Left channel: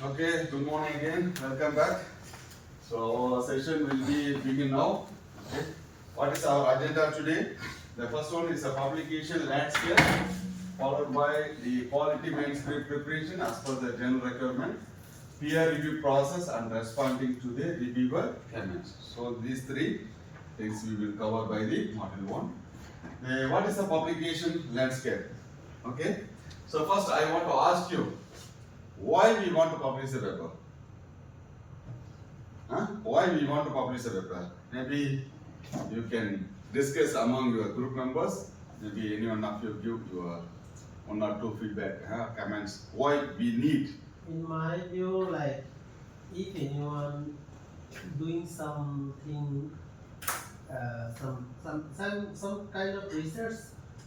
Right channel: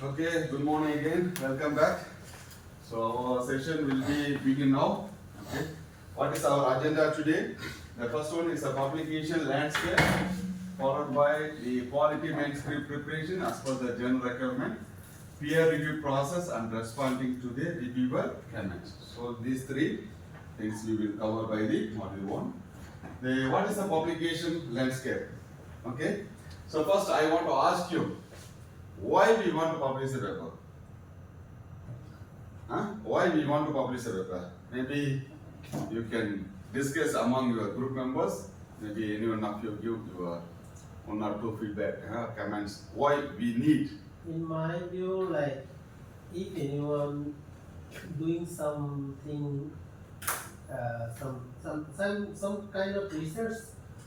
Okay, good morning again. Welcome back. So our session will be begin now. Okay. What is our agenda today? The first one is a publication landscape, followed by the quality manuscript preparation as per the general requirement, peer review process, and responding to the reviewer comments. So these three things we will cover by the module one. What is the publication landscape? Okay. So first I want to ask you, why we want to publish a paper? Why we want to publish a paper? Maybe you can discuss among your group members. Maybe anyone of you give your one or two feedback, comments. Why we need? In my view, like if anyone doing something, some kind of research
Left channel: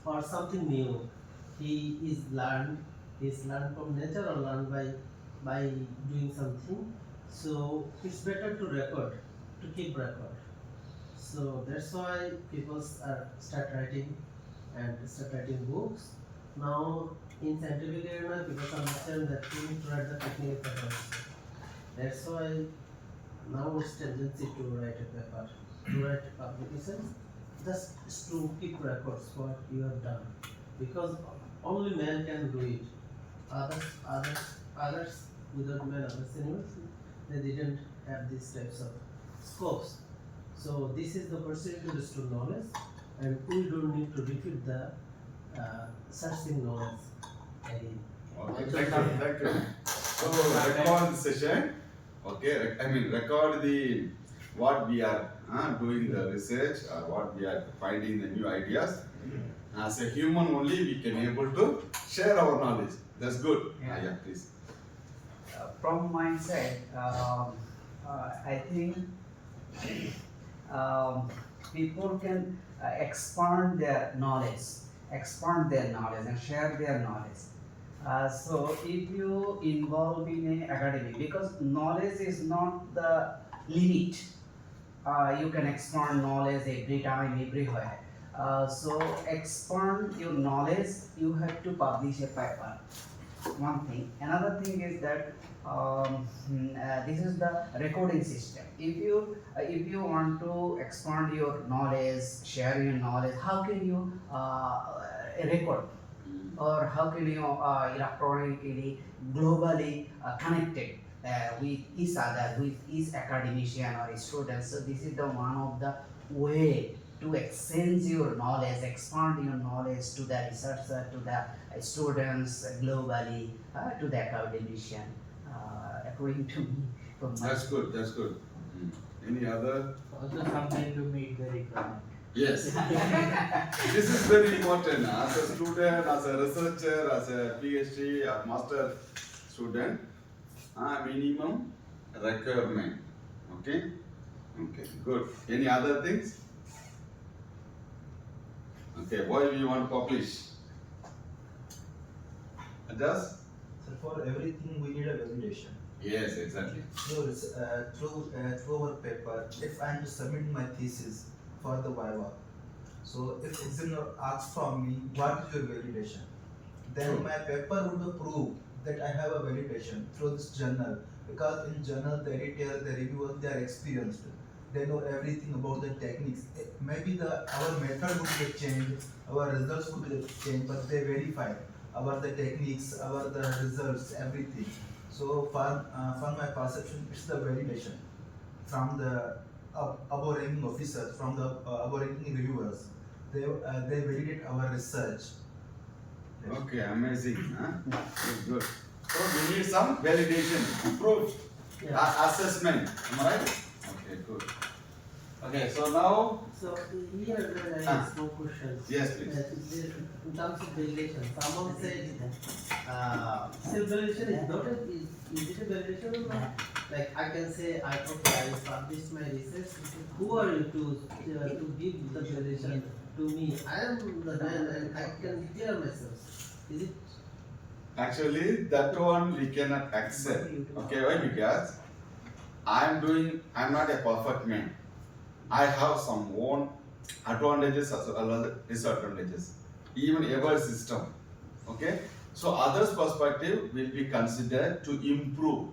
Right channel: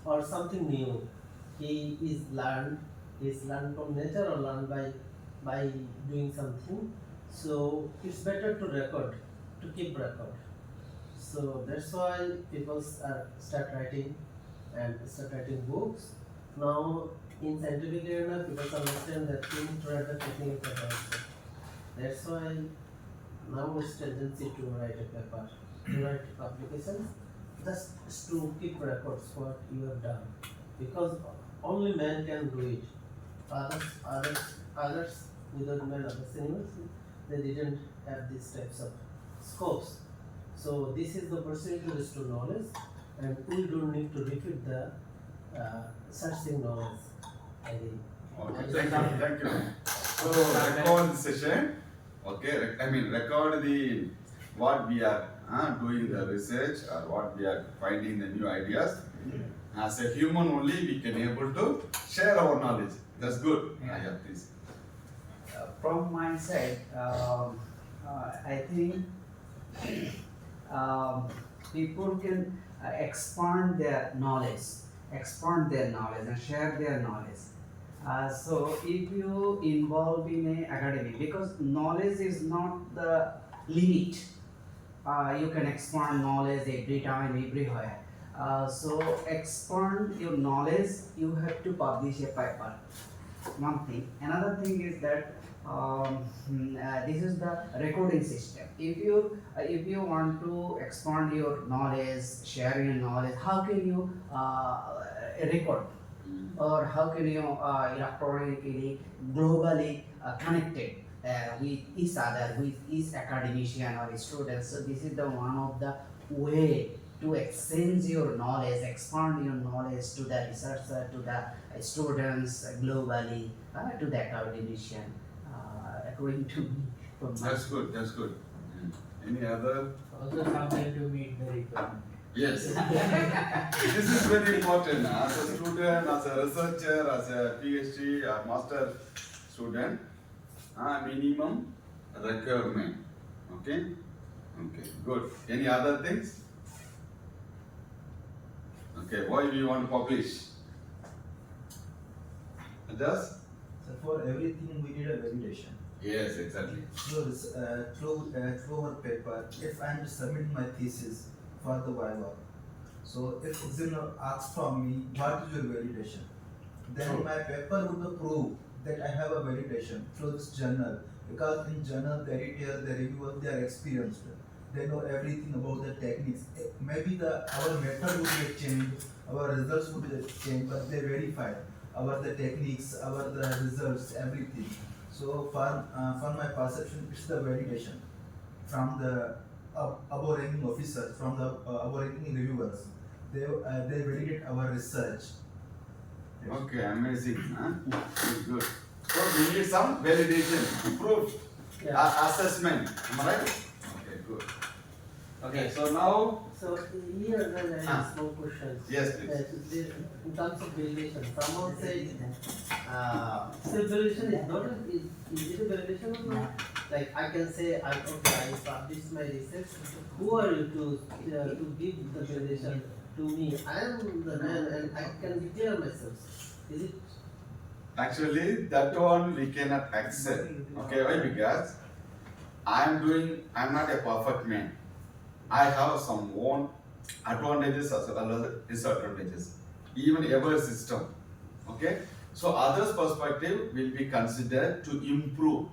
or something new, he's learned from nature or learned by doing something. So it's better to record, to keep record. So that's why people start writing books. Now in scientific area, people understand that you need to write the technical paper also. That's why now it's tendency to write a paper, to write publications, just to keep records what you have done. Because only man can do it. Others without man, other animals, they didn't have these types of scopes. So this is the pursuit to restore knowledge, and we don't need to repeat the searching knowledge again. Okay, thank you. So record the session. Okay, record the what we are doing the research or what we are finding the new ideas. As a human only we can able to share our knowledge. That's good. Yeah, please. From my side, I think people can expand their knowledge, and share their knowledge. So if you involve in a academy, because knowledge is not the limit, you can expand knowledge every time, everywhere. So expand your knowledge, you have to publish a paper. One thing. Another thing is that this is the recording system. If you want to expand your knowledge, share your knowledge, how can you record, or how can you electronically, globally connected with each other, with each academician or students? So this is the one of the way to exchange your knowledge, expand your knowledge to the researcher, to the students globally, to the academician, according to me. That's good. That's good. Any other? Also something to meet the requirement. Yes. This is very important. As a student, as a researcher, as a PhD or master student, minimum requirement. Okay? Okay, good. Any other things? Okay, why we want to publish? Does? So for everything we need a validation. Yes, exactly. Through our paper, if I am to submit my thesis for the Viva, so if examiner asks from me what is your validation, then True. my paper would prove that I have a validation through this journal, because in journal the editor, the reviewer, they are experienced. They know everything about the techniques. Maybe our method would be changed, our results would be changed, but they verify the techniques, the results, everything. So for my perception, it's the validation from the above ranking officers, from the above ranking reviewers. They validate our research. Yes. Okay, amazing. Good, good. So we need some validation, proof, assessment. Am I right? Okay, good. Okay, so now. So here there are small questions. Yes, please. In terms of validation, someone said self-validation is not is it a validation or not? Like I can say I published my research. Who are you to give the validation to me? I am the man and I can declare myself. Is it? Actually, that one we cannot accept. Okay, why? Because I'm not a perfect man. I have some own advantages as well as disadvantages. Even every system. Okay? So others' perspective will be considered to improve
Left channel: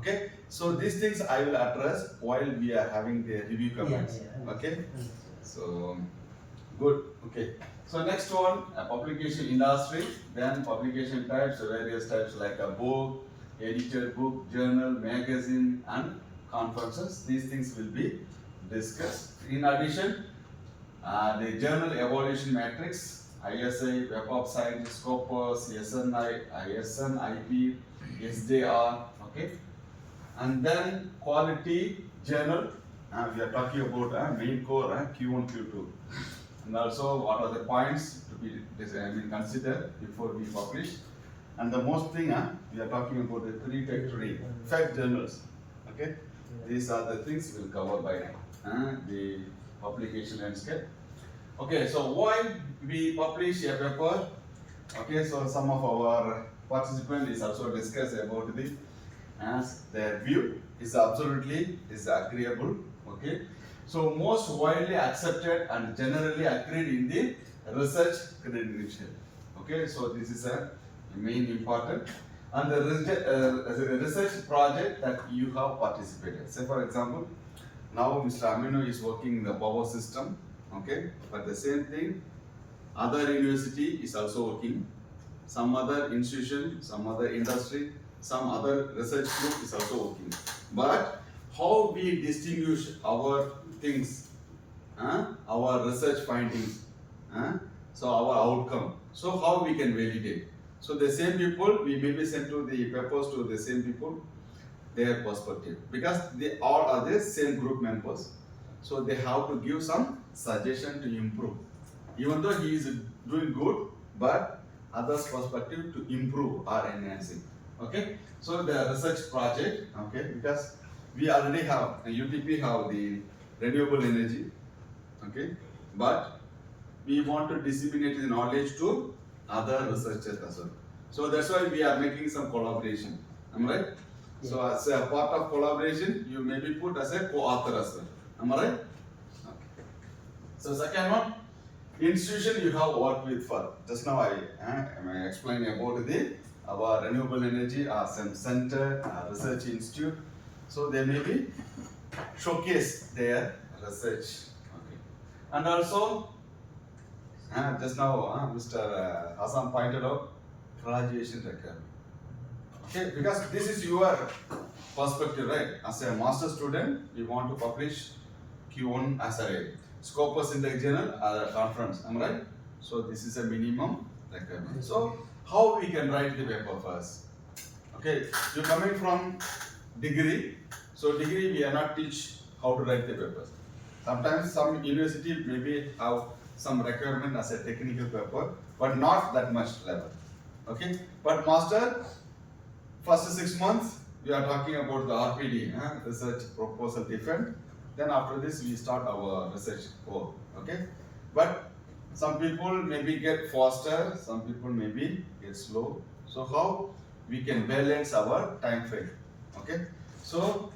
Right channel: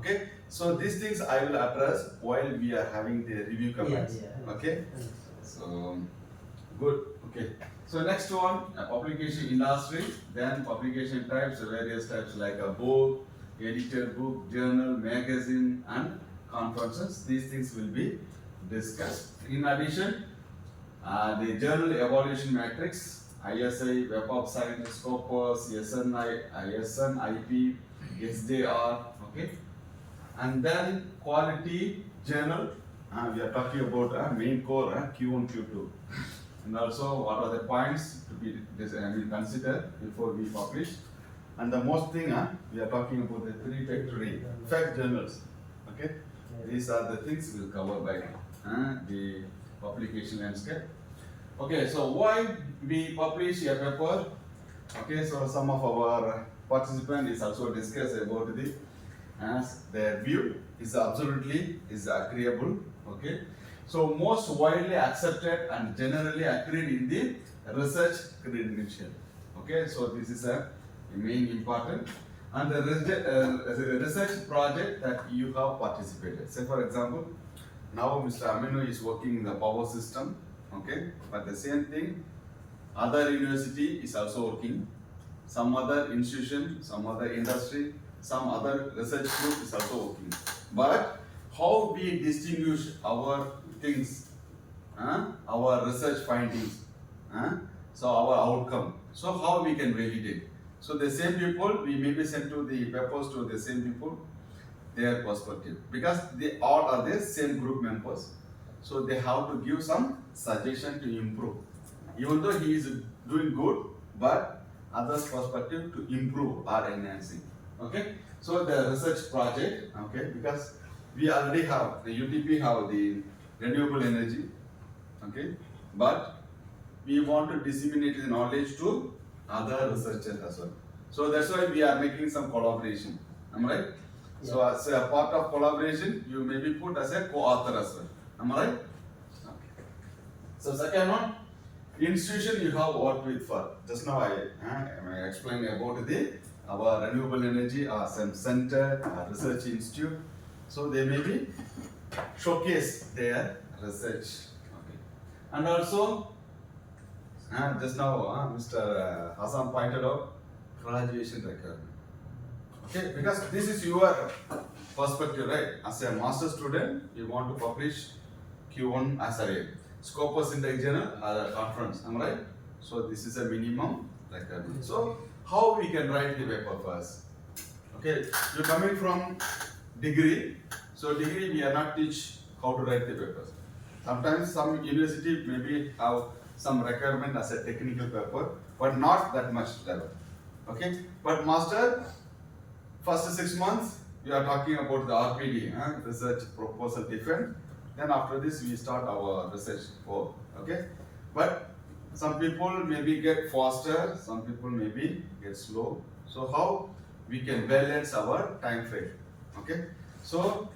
Okay, so these things I will address while we are having the review comments. yeah. Okay, Understood. so good. Okay, so next one, publication industry, then publication types, various types like a book, edited book, journal, magazine, and conferences. These things will be discussed. In addition, the journal evaluation matrix, ISI, Web of Science, Scopus, SNI, ISN, IP, SJR, okay. And then quality journal, we are talking about main core, Q1, Q2. And also what are the points to be considered before we publish. And the most thing, we are talking about the three factory fact journals, okay. Yeah. These are the things we'll cover by the publication landscape. Okay, so why we publish a paper? Okay, so some of our participants is also discuss about the their view is absolutely is agreeable. Okay, so most widely accepted and generally agreed in the research credential. Okay, so this is a main important and the research project that you have participated. Say for example, now Mr. Amino is working in the power system. Okay, but the same thing, other university is also working, some other institution, some other industry, some other research group is also working. But how we distinguish our things, our research findings, so our outcome, so how we can validate. So the same people, we may be sent to the papers to the same people, their perspective, because they all are the same group members. So they have to give some suggestion to improve. Even though he is doing good, but others' perspective to improve or enhancing. Okay, so the research project, okay, because we already have, UTP have the renewable energy, okay, but we want to disseminate the knowledge to other researchers as well. So that's why we are making some collaboration. Am I right? So as a part of collaboration, you may be put as a co-author as well. Am I right? Okay. So second one, institution you have worked with for. Just now I explained about our renewable energy some center, research institute. So they may be showcase their research. Okay. And also, just now Mr. Hassan pointed out graduation requirement. Okay, because this is your perspective, right? As a master student, you want to publish Q1 as a Scopus Index Journal or a conference, am I right? So this is a minimum requirement. So how we can write the paper first? Okay, you're coming from degree. So degree we are not teach how to write the papers. Sometimes some university maybe have some requirement as a technical paper, but not that much level. Okay, but master, first 6 months we are talking about the RPD, research proposal defense. Then after this we start our research work. Okay, but some people maybe get faster, some people maybe get slow. So how we can balance our time frame? Okay, so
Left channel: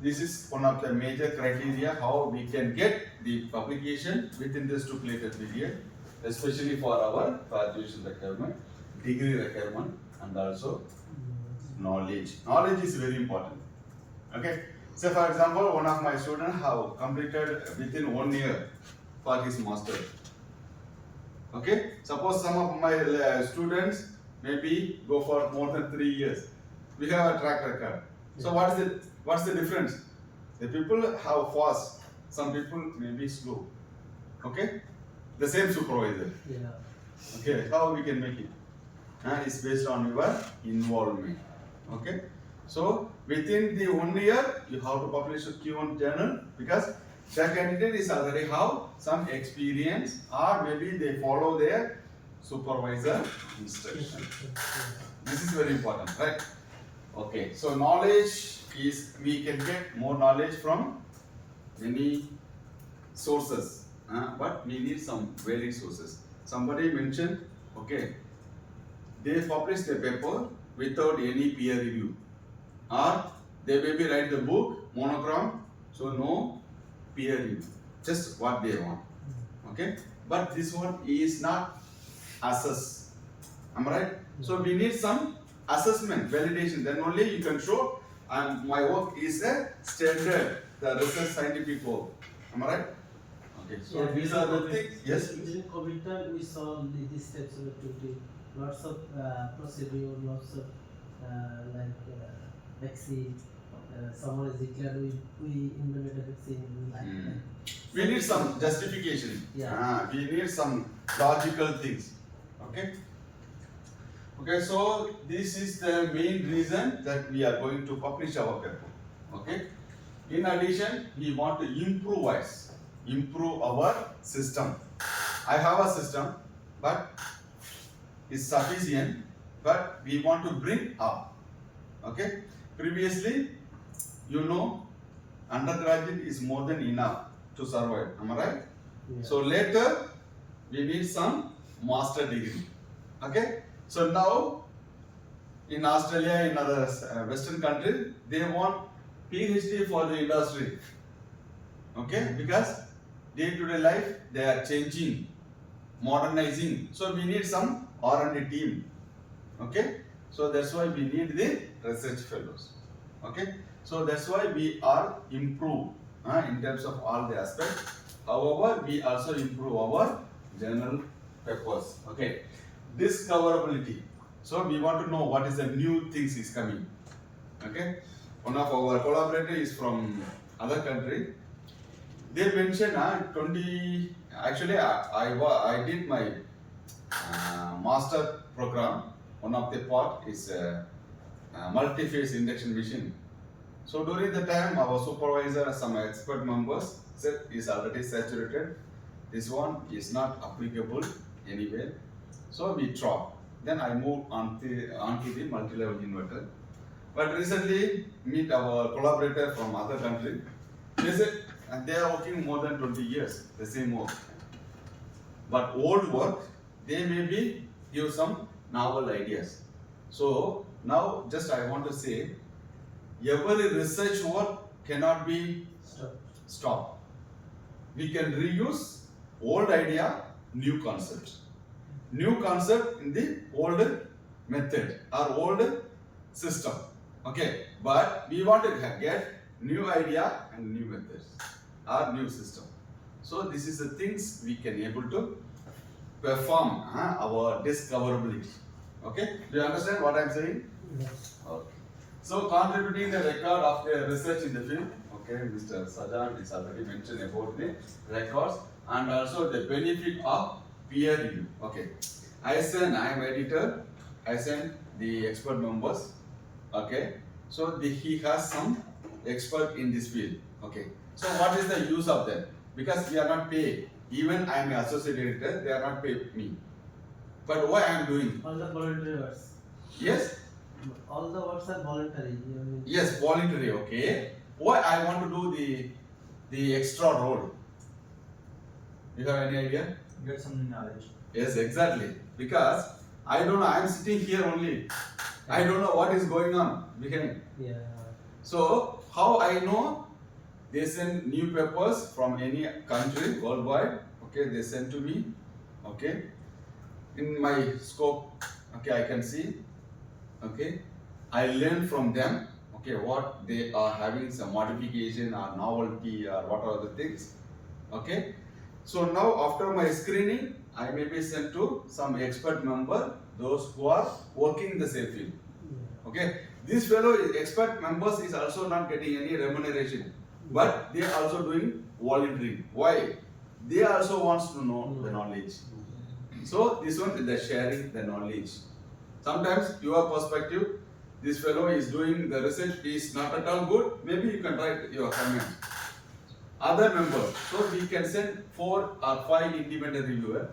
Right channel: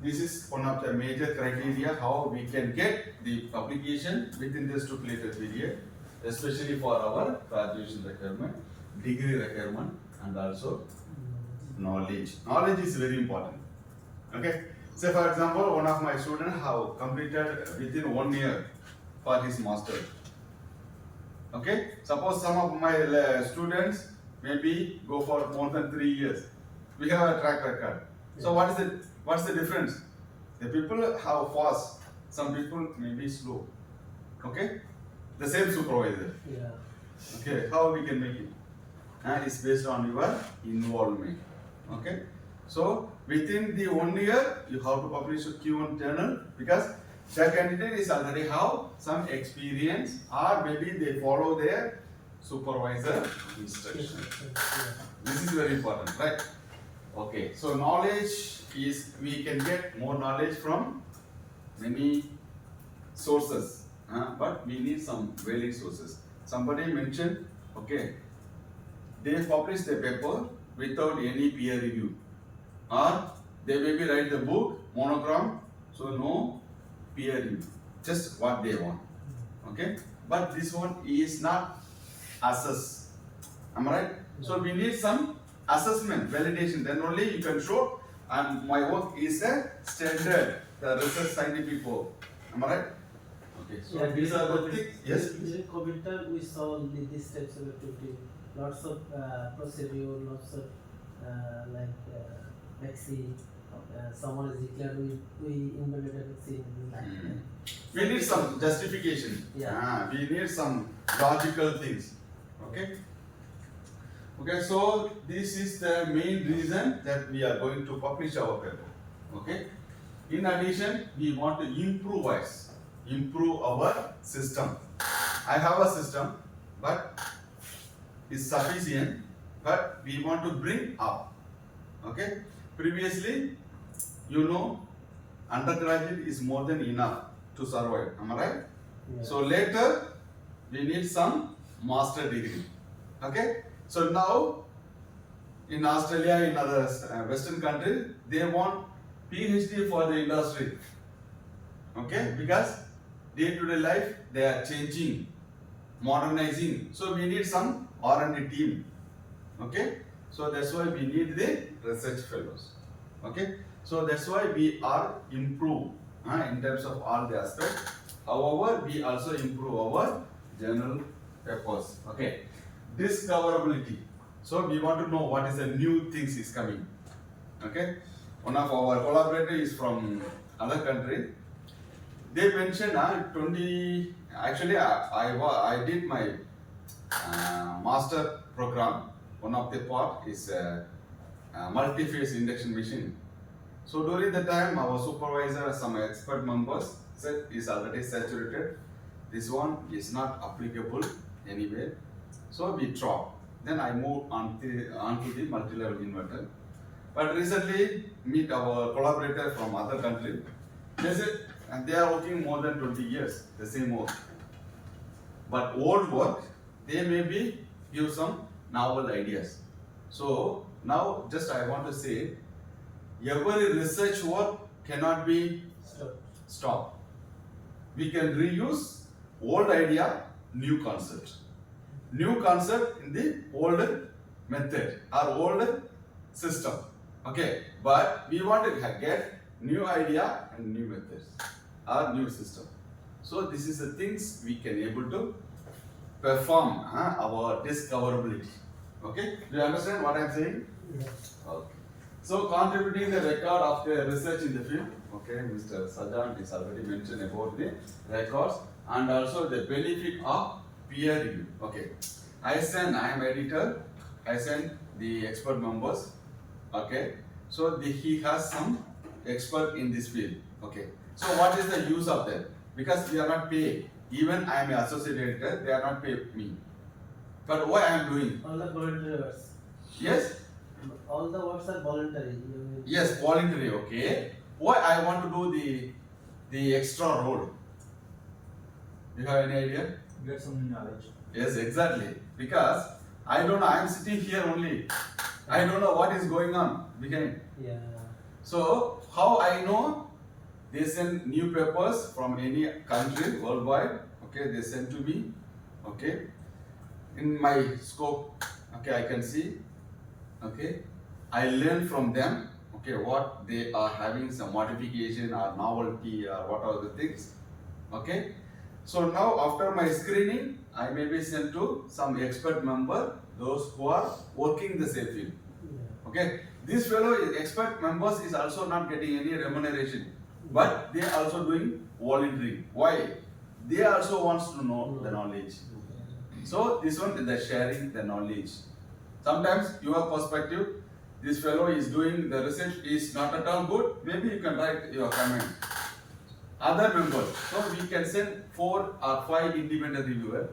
this is one of the major criteria how we can get the publication within the stipulated period, especially for our graduation requirement, degree requirement, and also knowledge. Knowledge is very important. Okay. Say for example, one of my students have completed within 1 year for his master. Okay. Suppose some of my students maybe go for more than 3 years. We have a track record. So what's the difference? The people have fast. Some people may be slow. Okay. The same supervisor. Yeah. Okay. How we can make it? It's based on your involvement. Okay, so within the 1 year you have to publish a Q1 journal because the candidate is already have some experience or maybe they follow their supervisor instruction. This is very important, right? Okay, so knowledge is we can get more knowledge from many sources, but we need some valid sources. Somebody mentioned, okay, they publish the paper without any peer review, or they maybe write the book monochrome, so no peer review, just what they want. Okay, but this one is not assessed. Am I right? So we need some assessment, validation. Then only you can show and my work is a standard, the research scientific work. Am I right? Okay, so Yeah, these are the during things. Yes, please. During COVID time, we saw these types of activity, lots of procedure, lots of vaccine. Someone is declared we invented a vaccine. We like Hmm. that. We need some justification. Yeah. We need some logical things. Okay. Okay, so this is the main reason that we are going to publish our paper. Okay. In addition, we want to improve our system. I have a system, but it's sufficient, but we want to bring up. Okay. Previously, you know, undergraduate is more than enough to survive. Am I right? Yeah. So later, we need some master degree. Okay. So now, in Australia, in other Western countries, they want PhD for the industry. Okay, because day-to-day life they are changing, modernizing. So we need some R&D team. Okay, so that's why we need the research fellows. Okay, so that's why we are improve in terms of all the aspects. However, we also improve our journal papers. Okay, discoverability. So we want to know what is the new things is coming. Okay, one of our collaborators is from other country. They mentioned 20. Actually, I did my master program. One of the part is multi-phase induction machine. So during the time, our supervisor, some expert members said is already saturated. This one is not applicable anywhere. So we dropped. Then I moved onto the multi-level inverter. But recently, meet our collaborator from other country. They said, and they are working more than 20 years, the same work. But old work, they maybe give some novel ideas. So now, just I want to say, every research work cannot be Stop. stopped. We can reuse old idea, new concept. New concept in the old method or old system. Okay, but we want to get new idea and new methods or new system. So this is the things we can able to perform our discoverability. Okay, do you understand what I am saying? Yeah. Okay. So contributing the record of the research in the field. Okay, Mr. Sajan is already mentioned about the records and also the benefit of peer review. Okay, I am editor. I send the expert members. Okay, so he has some expert in this field. Okay, so what is the use of that? Because we are not paid. Even I am an associate editor, they are not paid me. But why I am doing? All the voluntary works. Yes, All the works are voluntary. You mean- yes, voluntary. Okay, why I want to do the extra role? You have any idea? Get some knowledge. Yes, exactly. Because I don't know. I am sitting here only. I don't know what is going on behind. Yeah. So how I know? They send new papers from any country worldwide. Okay, they send to me. Okay, in my scope. Okay, I can see. Okay, I learn from them. Okay, what they are having some modification or novelty or what are the things. Okay, so now after my screening, I may be sent to some expert member, those who are working the same field. Yeah. Okay, this fellow expert members is also not getting any remuneration, but they are also doing voluntary. Why? They also wants to know the knowledge. So this one is the sharing the knowledge. Sometimes your perspective, this fellow is doing the research is not at all good. Maybe you can write your comment. Other members, so we can send 4 or 5 independent reviewer.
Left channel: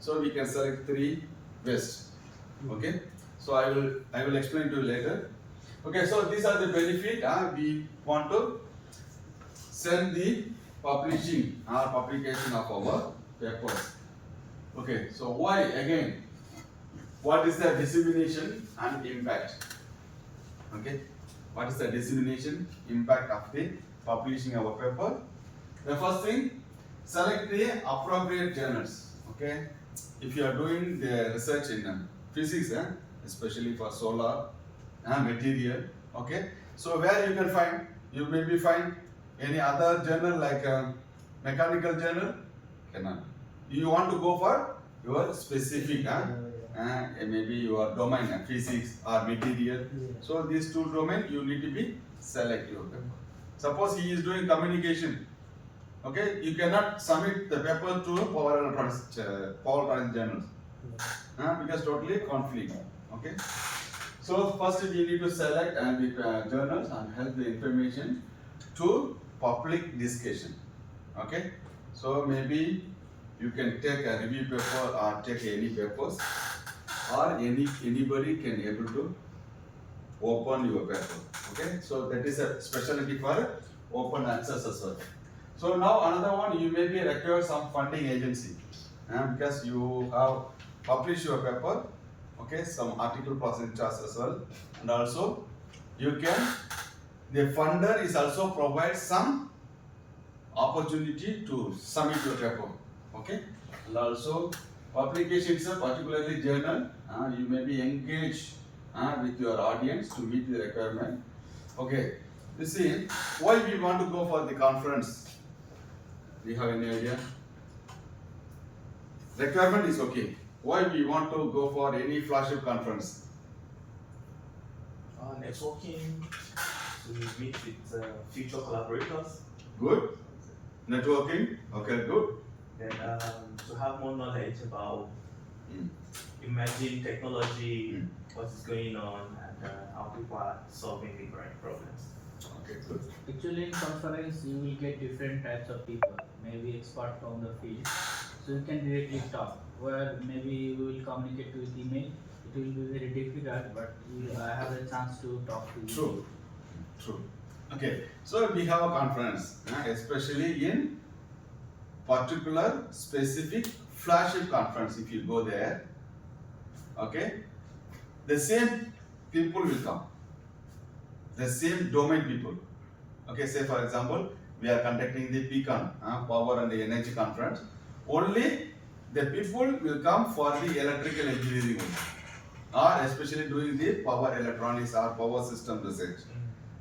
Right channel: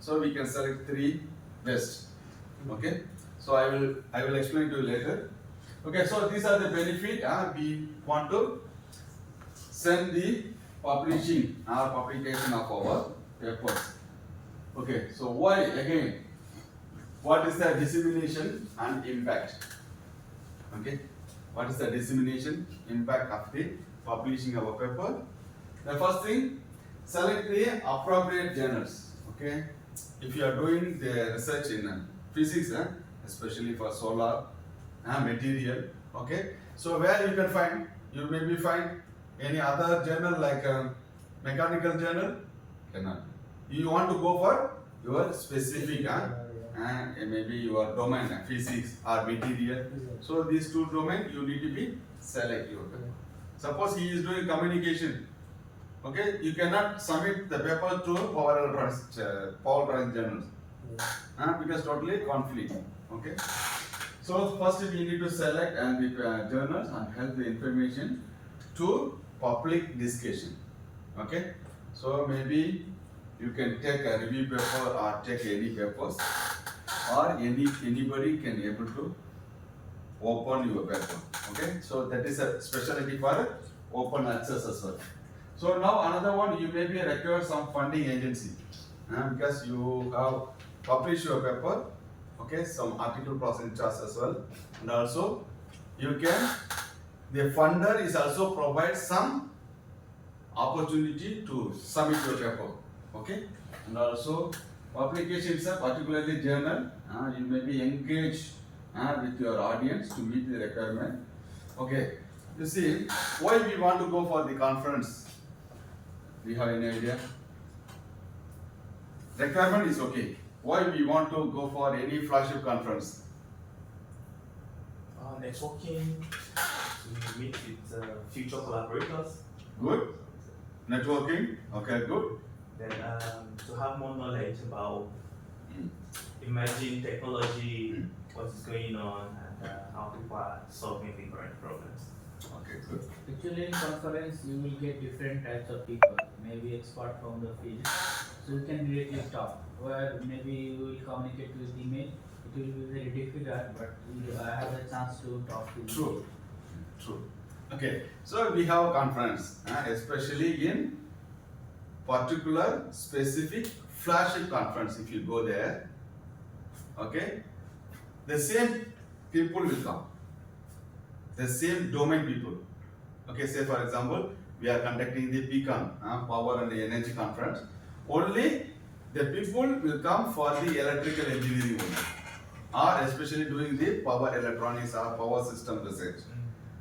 So we can select 3 best. Okay. So I will explain to you later. Okay. So these are the benefit. We want to send the publishing or publication of our papers. Okay. So why again? What is the dissemination and impact? Okay. What is the dissemination impact of the publishing our paper? The first thing, select the appropriate journals. Okay. If you are doing the research in physics, especially for solar material Okay, so where you can find, you maybe find any other journal like mechanical journal, cannot. You want to go for your specific, maybe your domain, physics or material. Yeah. So these two domain you need to be selective. Suppose he is doing communication, okay, you cannot submit the paper to power electronics journals, because totally conflict. Okay, so first we need to select and the journals and help the information to public discussion. Okay, so maybe you can take a review paper or take any papers, or anybody can able to open your paper. Okay, so that is a specialty for open access as well. So now another one, you maybe require some funding agency, because you have published your paper, okay, some article processing charge as well, and also you can, the funder is also provide some opportunity to submit your paper, okay, and also publication itself, particularly journal, you may be engaged with your audience to meet the requirement. Okay, you see why we want to go for the conference. Do you have any idea? Requirement is okay. Why we want to go for any flagship conference? Networking, to meet with future collaborators, Good. Networking. Okay, good. then to have more knowledge about Mm. emerging technology, Mm. what is going on, and how people are solving the current problems. Okay, good. Actually, in conference, you will get different types of people, maybe expert from the field. So you can directly talk. Where maybe you will communicate with email, it will be very difficult, but you have a chance to talk to you. True. True. Okay, so we have a conference, especially in particular specific flagship conference. If you go there, okay, the same people will come, the same domain people. Okay, say for example, we are conducting the PCON, Power and Energy Conference. Only the people will come for the electrical engineering only, or especially doing the power electronics or power system research.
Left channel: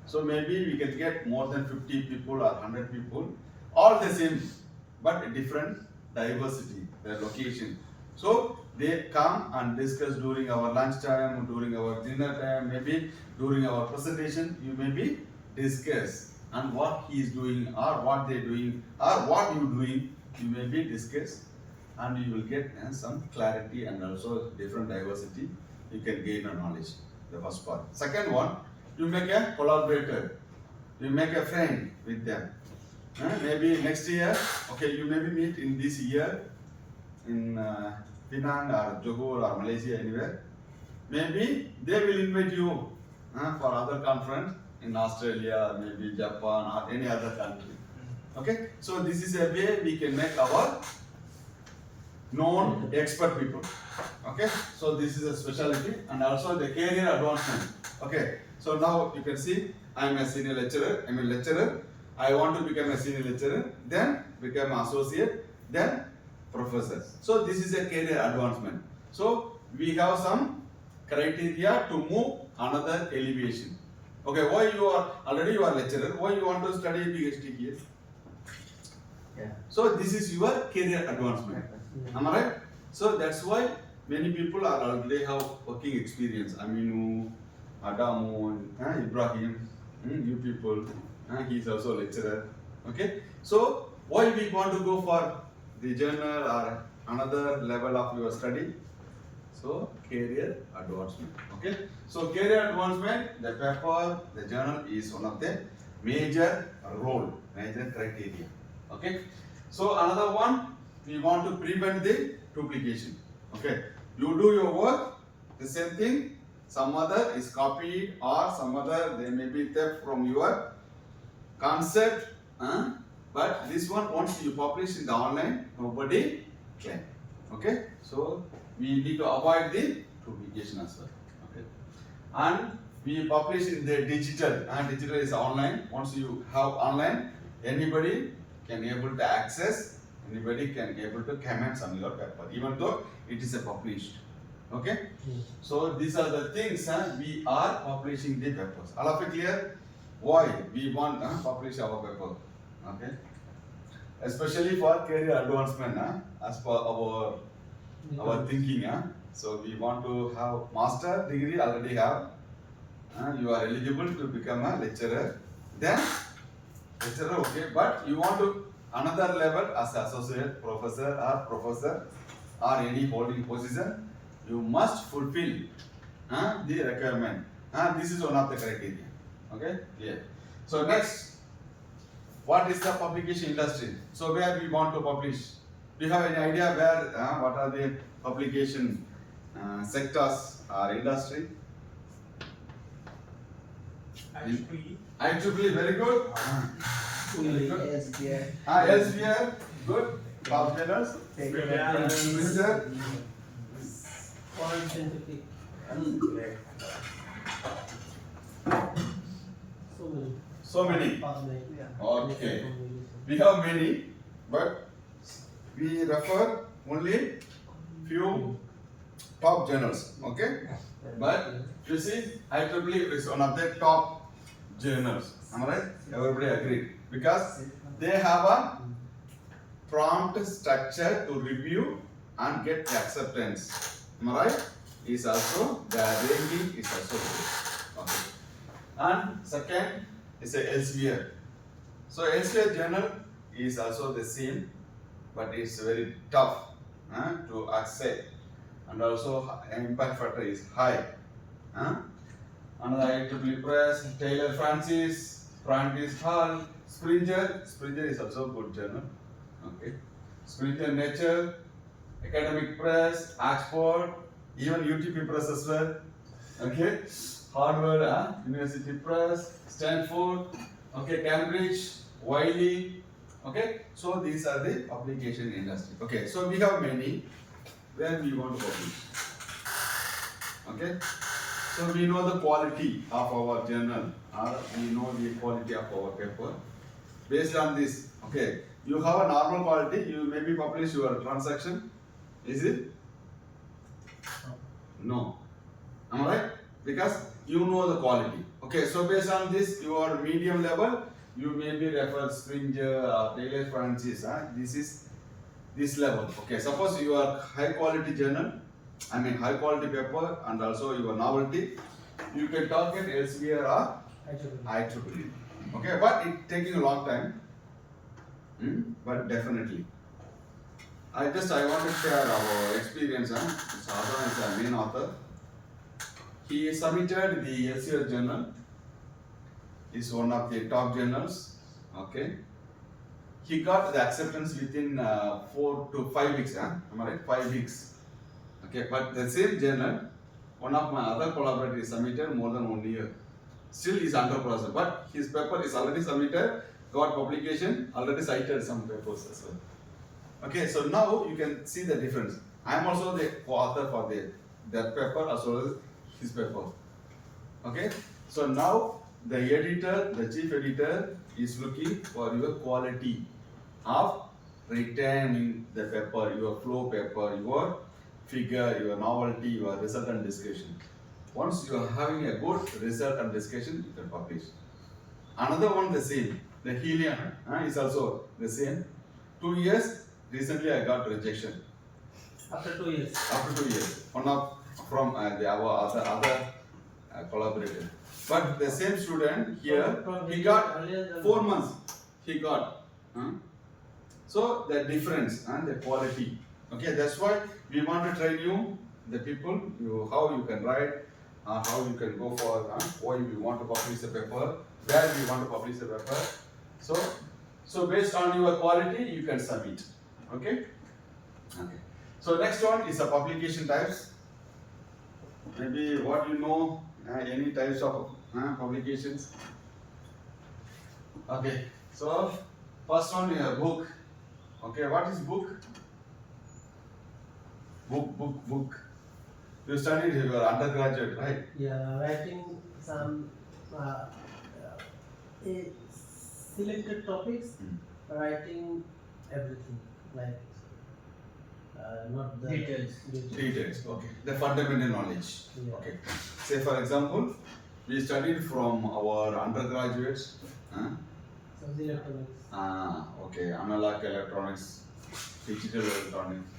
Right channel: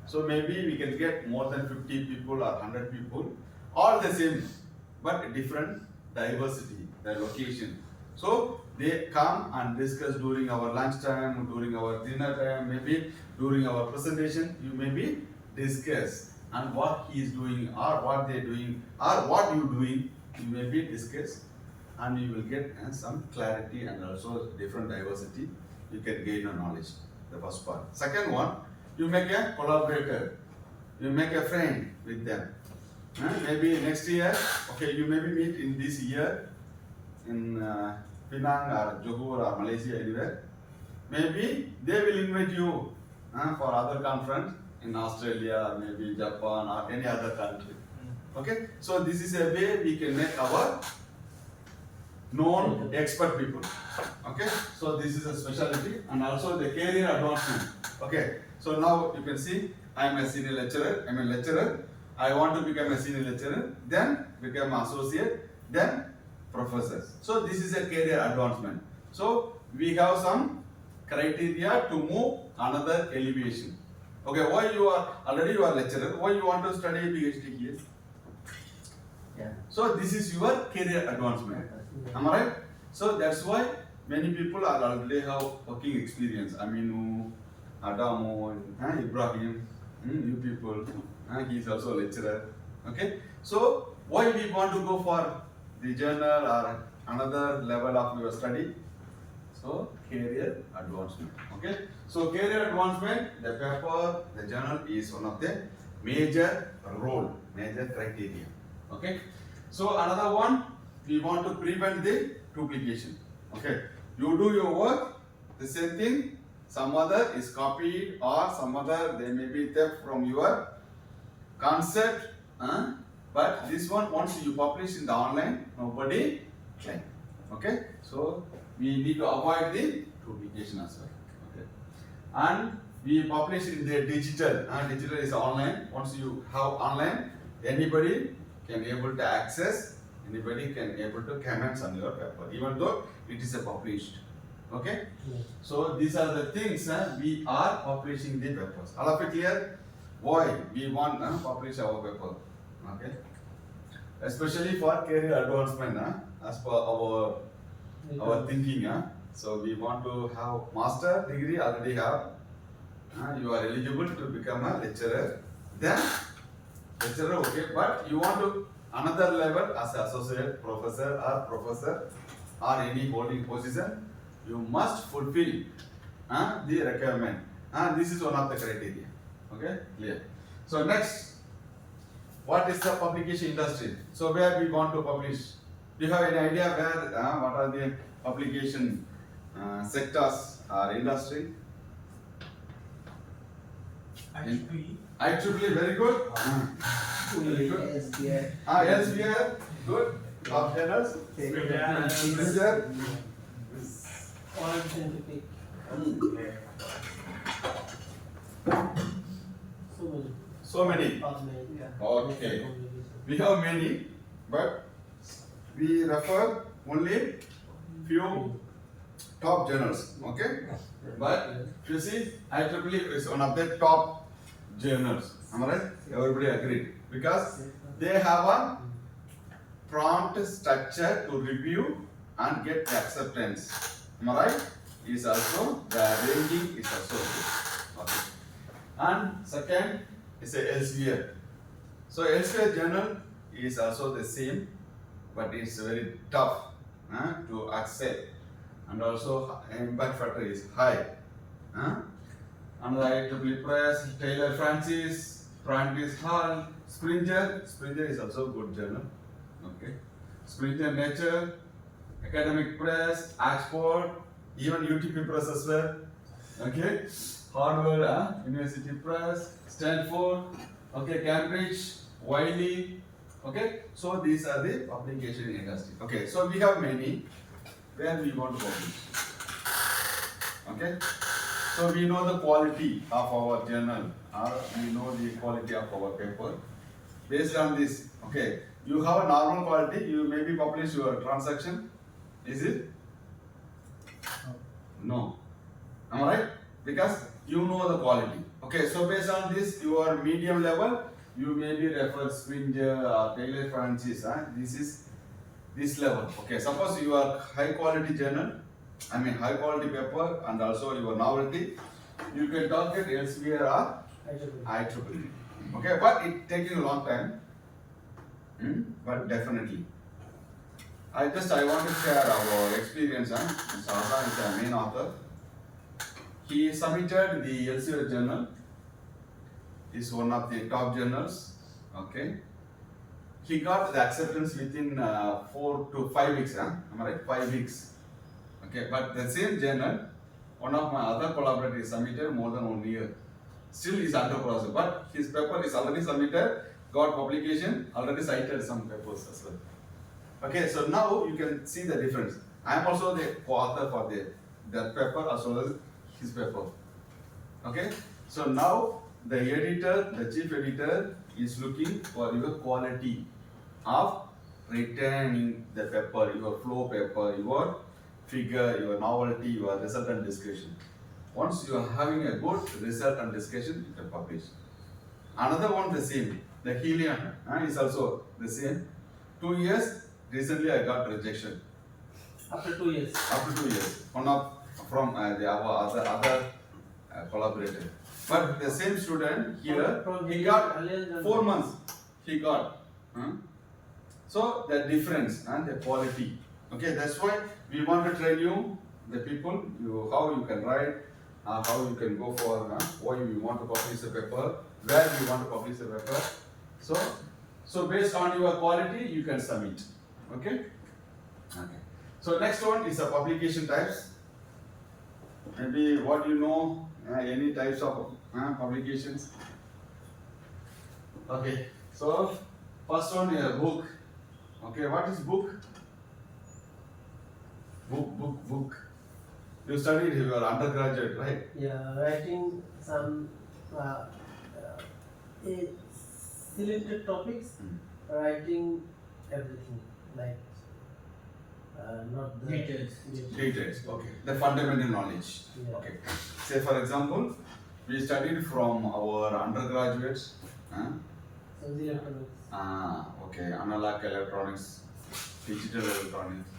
So maybe we can get more than 50 people or 100 people, all the same, but different diversity, their location. So they come and discuss during our lunch time, during our dinner time, maybe during our presentation, you maybe discuss and what he is doing or what they doing or what you doing, you maybe discuss and you will get some clarity and also different diversity, you can gain a knowledge, the first part. Second one, you make a collaborator, you make a friend with them. Maybe next year, okay, you maybe meet in this year in Penang or Johor or Malaysia, anywhere. Maybe they will invite you for other conference in Australia or maybe Japan or any other country. Okay, so this is a way we can make our known expert people. Okay, so this is a specialty and also the career advancement. Okay, so now you can see I am a senior lecturer, I am a lecturer. I want to become a senior lecturer, then become associate, then professor. So this is a career advancement. So we have some criteria to move another elevation. Okay, why you are already you are lecturer, why you want to study a PhD here? Yeah. So this is your career advancement. Am I right? So that's why many people are already have working experience. Aminu, Adamu, Ibrahim, you people, he is also a lecturer. Okay, so why we want to go for the journal or another level of your study? So career advancement. Okay, so career advancement, the paper, the journal is one of the major role, major criteria. Okay, so another one, we want to prevent the duplication. Okay, you do your work, the same thing, some other is copied or some other they may be theft from your concept, but this one once you publish in the online, nobody claim. Okay, so we need to avoid the duplication as well. Okay, and we publish in the digital, and digital is online. Once you have online, anybody can able to access, anybody can able to comment on your paper, even though it is a published. Okay? Yes. So these are the things we are publishing the papers. All of it clear? Why we want to publish our paper? Okay? Especially for career advancement, as per our thinking. So we want to have master degree already have. You are eligible to become a lecturer. Then lecturer, okay, but you want to another level as associate professor or any holding position, you must fulfill the requirement. This is one of the criteria. Okay, clear. So next, what is the publication industry? So where we want to publish? Do you have any idea where? What are the publication sectors or industry? IEEE, very good. Very good. SBI. Elsewhere, good. Top journals. Springer. All scientific. So many. So many. Okay. We have many, but we refer only few top journals. Okay. But you see, IEEE is one of the top journals. Am I right? Everybody agreed because they have a prompt structure to review and get acceptance. Am I right? Is also the ranking is also good. Okay. And second is a Elsevier. So Elsevier journal is also the same, but it's very tough to accept, and also an impact factor is high. Another IEEE Press, Taylor Francis, Prentice Hall, Springer is also a good journal. Okay. Springer Nature, Academic Press, Oxford, even UTP Press as well. Okay. Harvard University Press, Stanford, okay, Cambridge, Wiley. Okay. So these are the publication industry. Okay. So we have many where we want to publish. Okay. So we know the quality of our journal, or we know the quality of our paper. Based on this, okay, you have a normal quality, you maybe publish your transaction. Is it? No. Am I right? Because you know the quality. Okay, so based on this, your medium level, you maybe refer Springer or Taylor Francis. This is this level. Okay, suppose you are high quality journal, high quality paper, and also your novelty, you can target Elsevier or IEEE. Okay, but it taking a long time. But definitely. I want to share our experience. Mr. Azan is the main author. He submitted the Elsevier journal. Is one of the top journals. Okay. He got the acceptance within 4 to 5 weeks. Am I right? 5 weeks. Okay, but the same journal, one of my other collaborators submitted more than 1 year. Still is under process, but his paper is already submitted, got publication, already cited some papers as well. Okay, so now you can see the difference. I am also the co-author for that paper as well as his paper. Okay, so now the editor, the chief editor is looking for your quality of retaining the paper, your flow paper, your figure, your novelty, your result and discussion. Once you are having a good result and discussion, you can publish. Another one the same, the Helium is also the same. 2 years, recently I got rejection. After 2 years. After 2 years, one of from our other collaborator. But the same student here, he got 4 months. He got. So the difference and the quality. Okay, that's why we want to train you, the people, how you can write, how you can go for, why you want to publish the paper, where you want to publish the paper. So based on your quality, you can submit. Okay? Okay. So next one is the publication types. Maybe what you know, any types of publications. Okay. So first one is a book. Okay, what is book? Book. You studied your undergraduate, right? Yeah, writing some selected topics, writing everything, like not the Details. Details, okay. The fundamental knowledge. Yeah. Okay. Say for example, we studied from our undergraduates. So the electronics. Okay, analog electronics, digital electronics,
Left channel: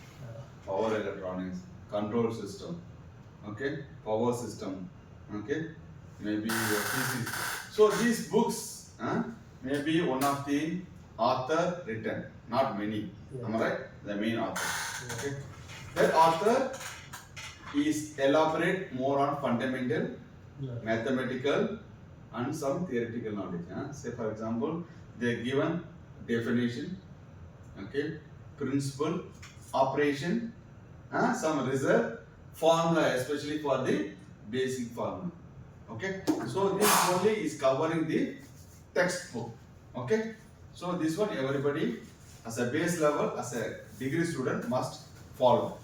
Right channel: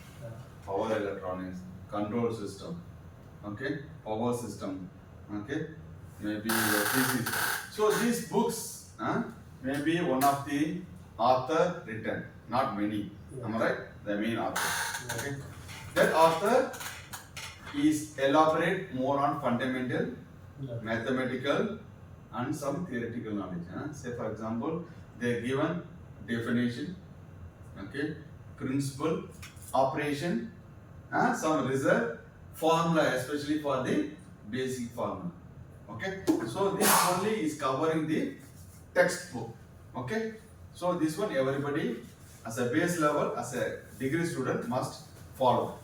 power electronics, control system, okay, power system, okay, maybe physics. So these books, may be one of the author written, not many. Yeah. Am I right? The main author. Yeah. Okay. That author is elaborate more on fundamental, Yeah. mathematical, and some theoretical knowledge. Say for example, they are given definition, okay, principle, operation, some result, formula, especially for the basic formula. Okay, so this only is covering the textbook. Okay, so this one everybody as a base level, as a degree student must follow.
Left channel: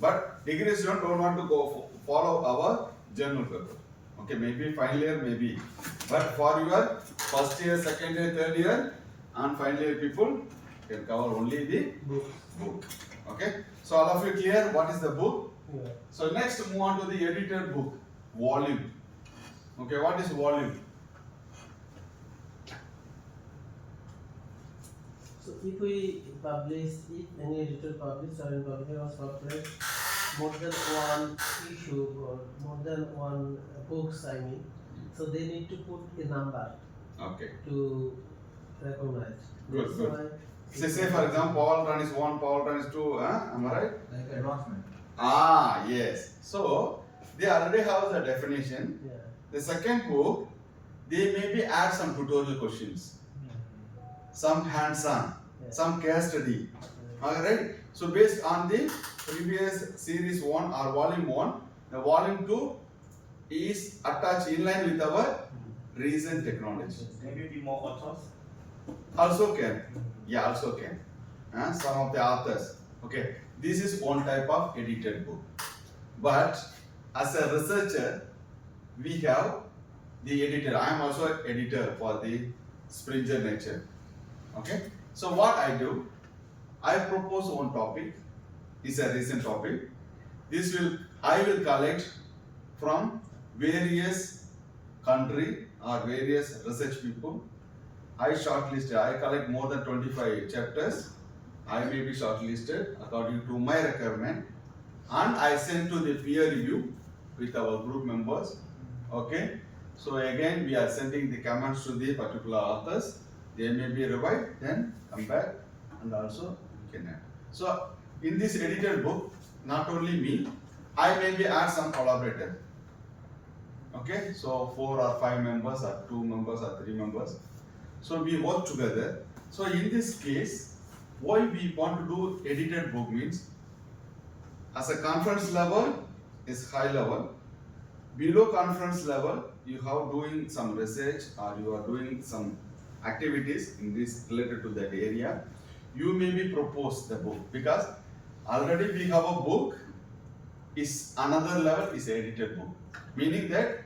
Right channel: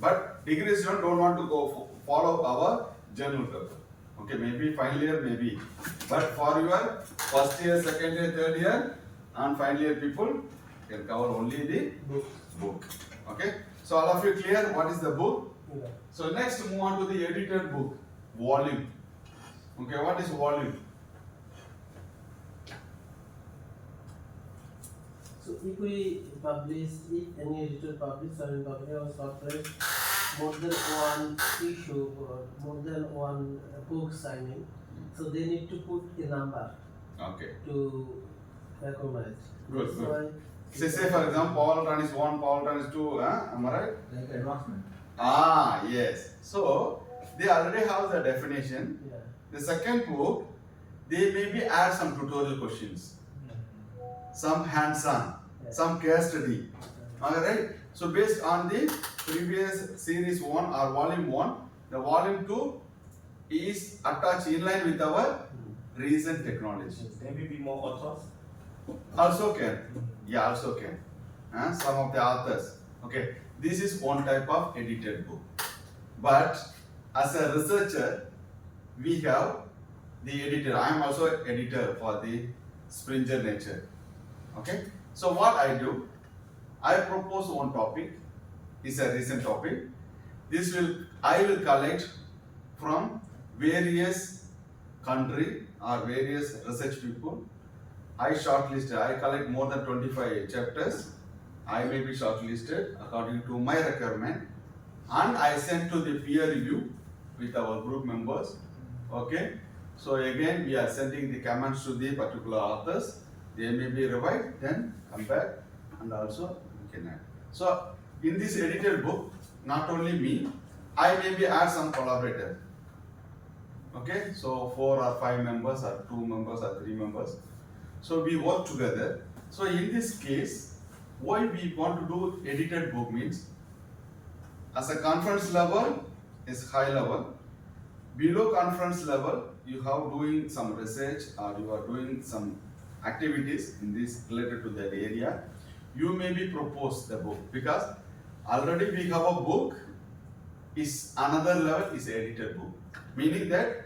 But degree student don't want to go follow our journal paper. Okay, maybe final year, maybe. But for your first year, second year, third year, and final year people can cover only the Book. book. Okay, so all of you clear what is the book? Yeah. So next move on to the edited book, volume. Okay, what is volume? So if we publish, if any editor publish or in publishing or software more than one issue or more than one books, I mean, so they need to put a number Okay. to recognize. Good, That's good. why Say for example, Paul run is 1, Paul run is 2, am I right? Like advancement. Yes. So they already have the definition. Yeah. The second book, they maybe add some tutorial questions, some hands-on, Yeah. some case study. Alright? So based on the previous series 1 or volume 1, the volume 2 is attached in line with our recent technology. Maybe be more authors. Also can. Yeah, also can. Some of the authors. Okay, this is one type of edited book. But as a researcher, we have the editor. I am also an editor for the Springer Nature. Okay, so what I do, I propose one topic. It's a recent topic. I will collect from various country or various research people. I collect more than 25 chapters. I may be shortlisted according to my requirement, and I send to the peer review with our group members. Okay, so again we are sending the comments to the particular authors. They may be revised, then come back and also we can add. So in this edited book, not only me, I maybe add some collaborator. Okay, so 4 or 5 members or 2 members or 3 members. So we work together. So in this case, why we want to do edited book means, as a conference level is high level. Below conference level, you have doing some research or you are doing some activities in this related to that area. You may be propose the book, because already we have a book, is another level is edited book. Meaning that